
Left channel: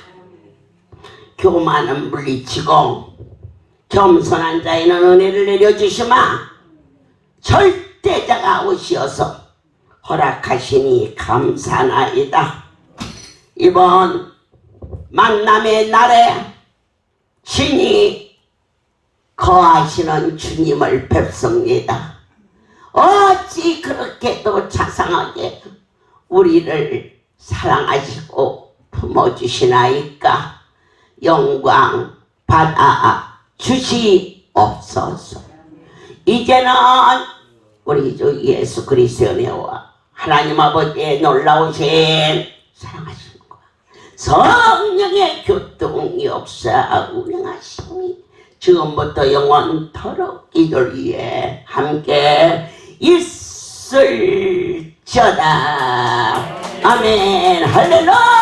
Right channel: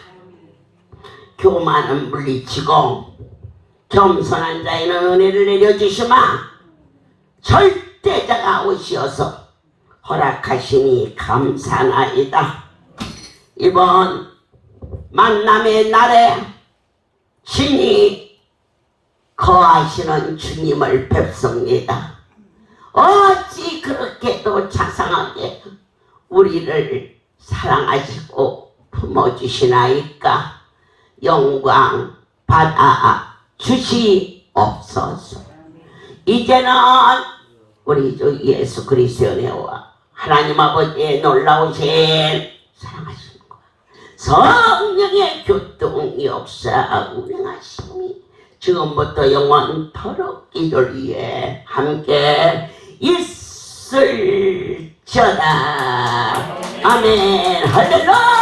교만은 물리치고 겸손한 자에는 은혜를 내려주시마. 절대자가 오시어서 허락하시니 감사나이다. 이번 만남의 날에 신이 거하시는 주님을 뵙습니다. 어찌 그렇게도 자상하게 우리를 사랑하시고 품어주시나이까. 영광 받아 주시옵소서. 이제는 우리 주 예수 그리스도의 은혜와 하나님 아버지의 놀라우신 사랑하시는 것, 성령의 교통 역사 운행하심이 지금부터 영원토록 이들 위해 함께 있을지어다. 아멘. 할렐루야.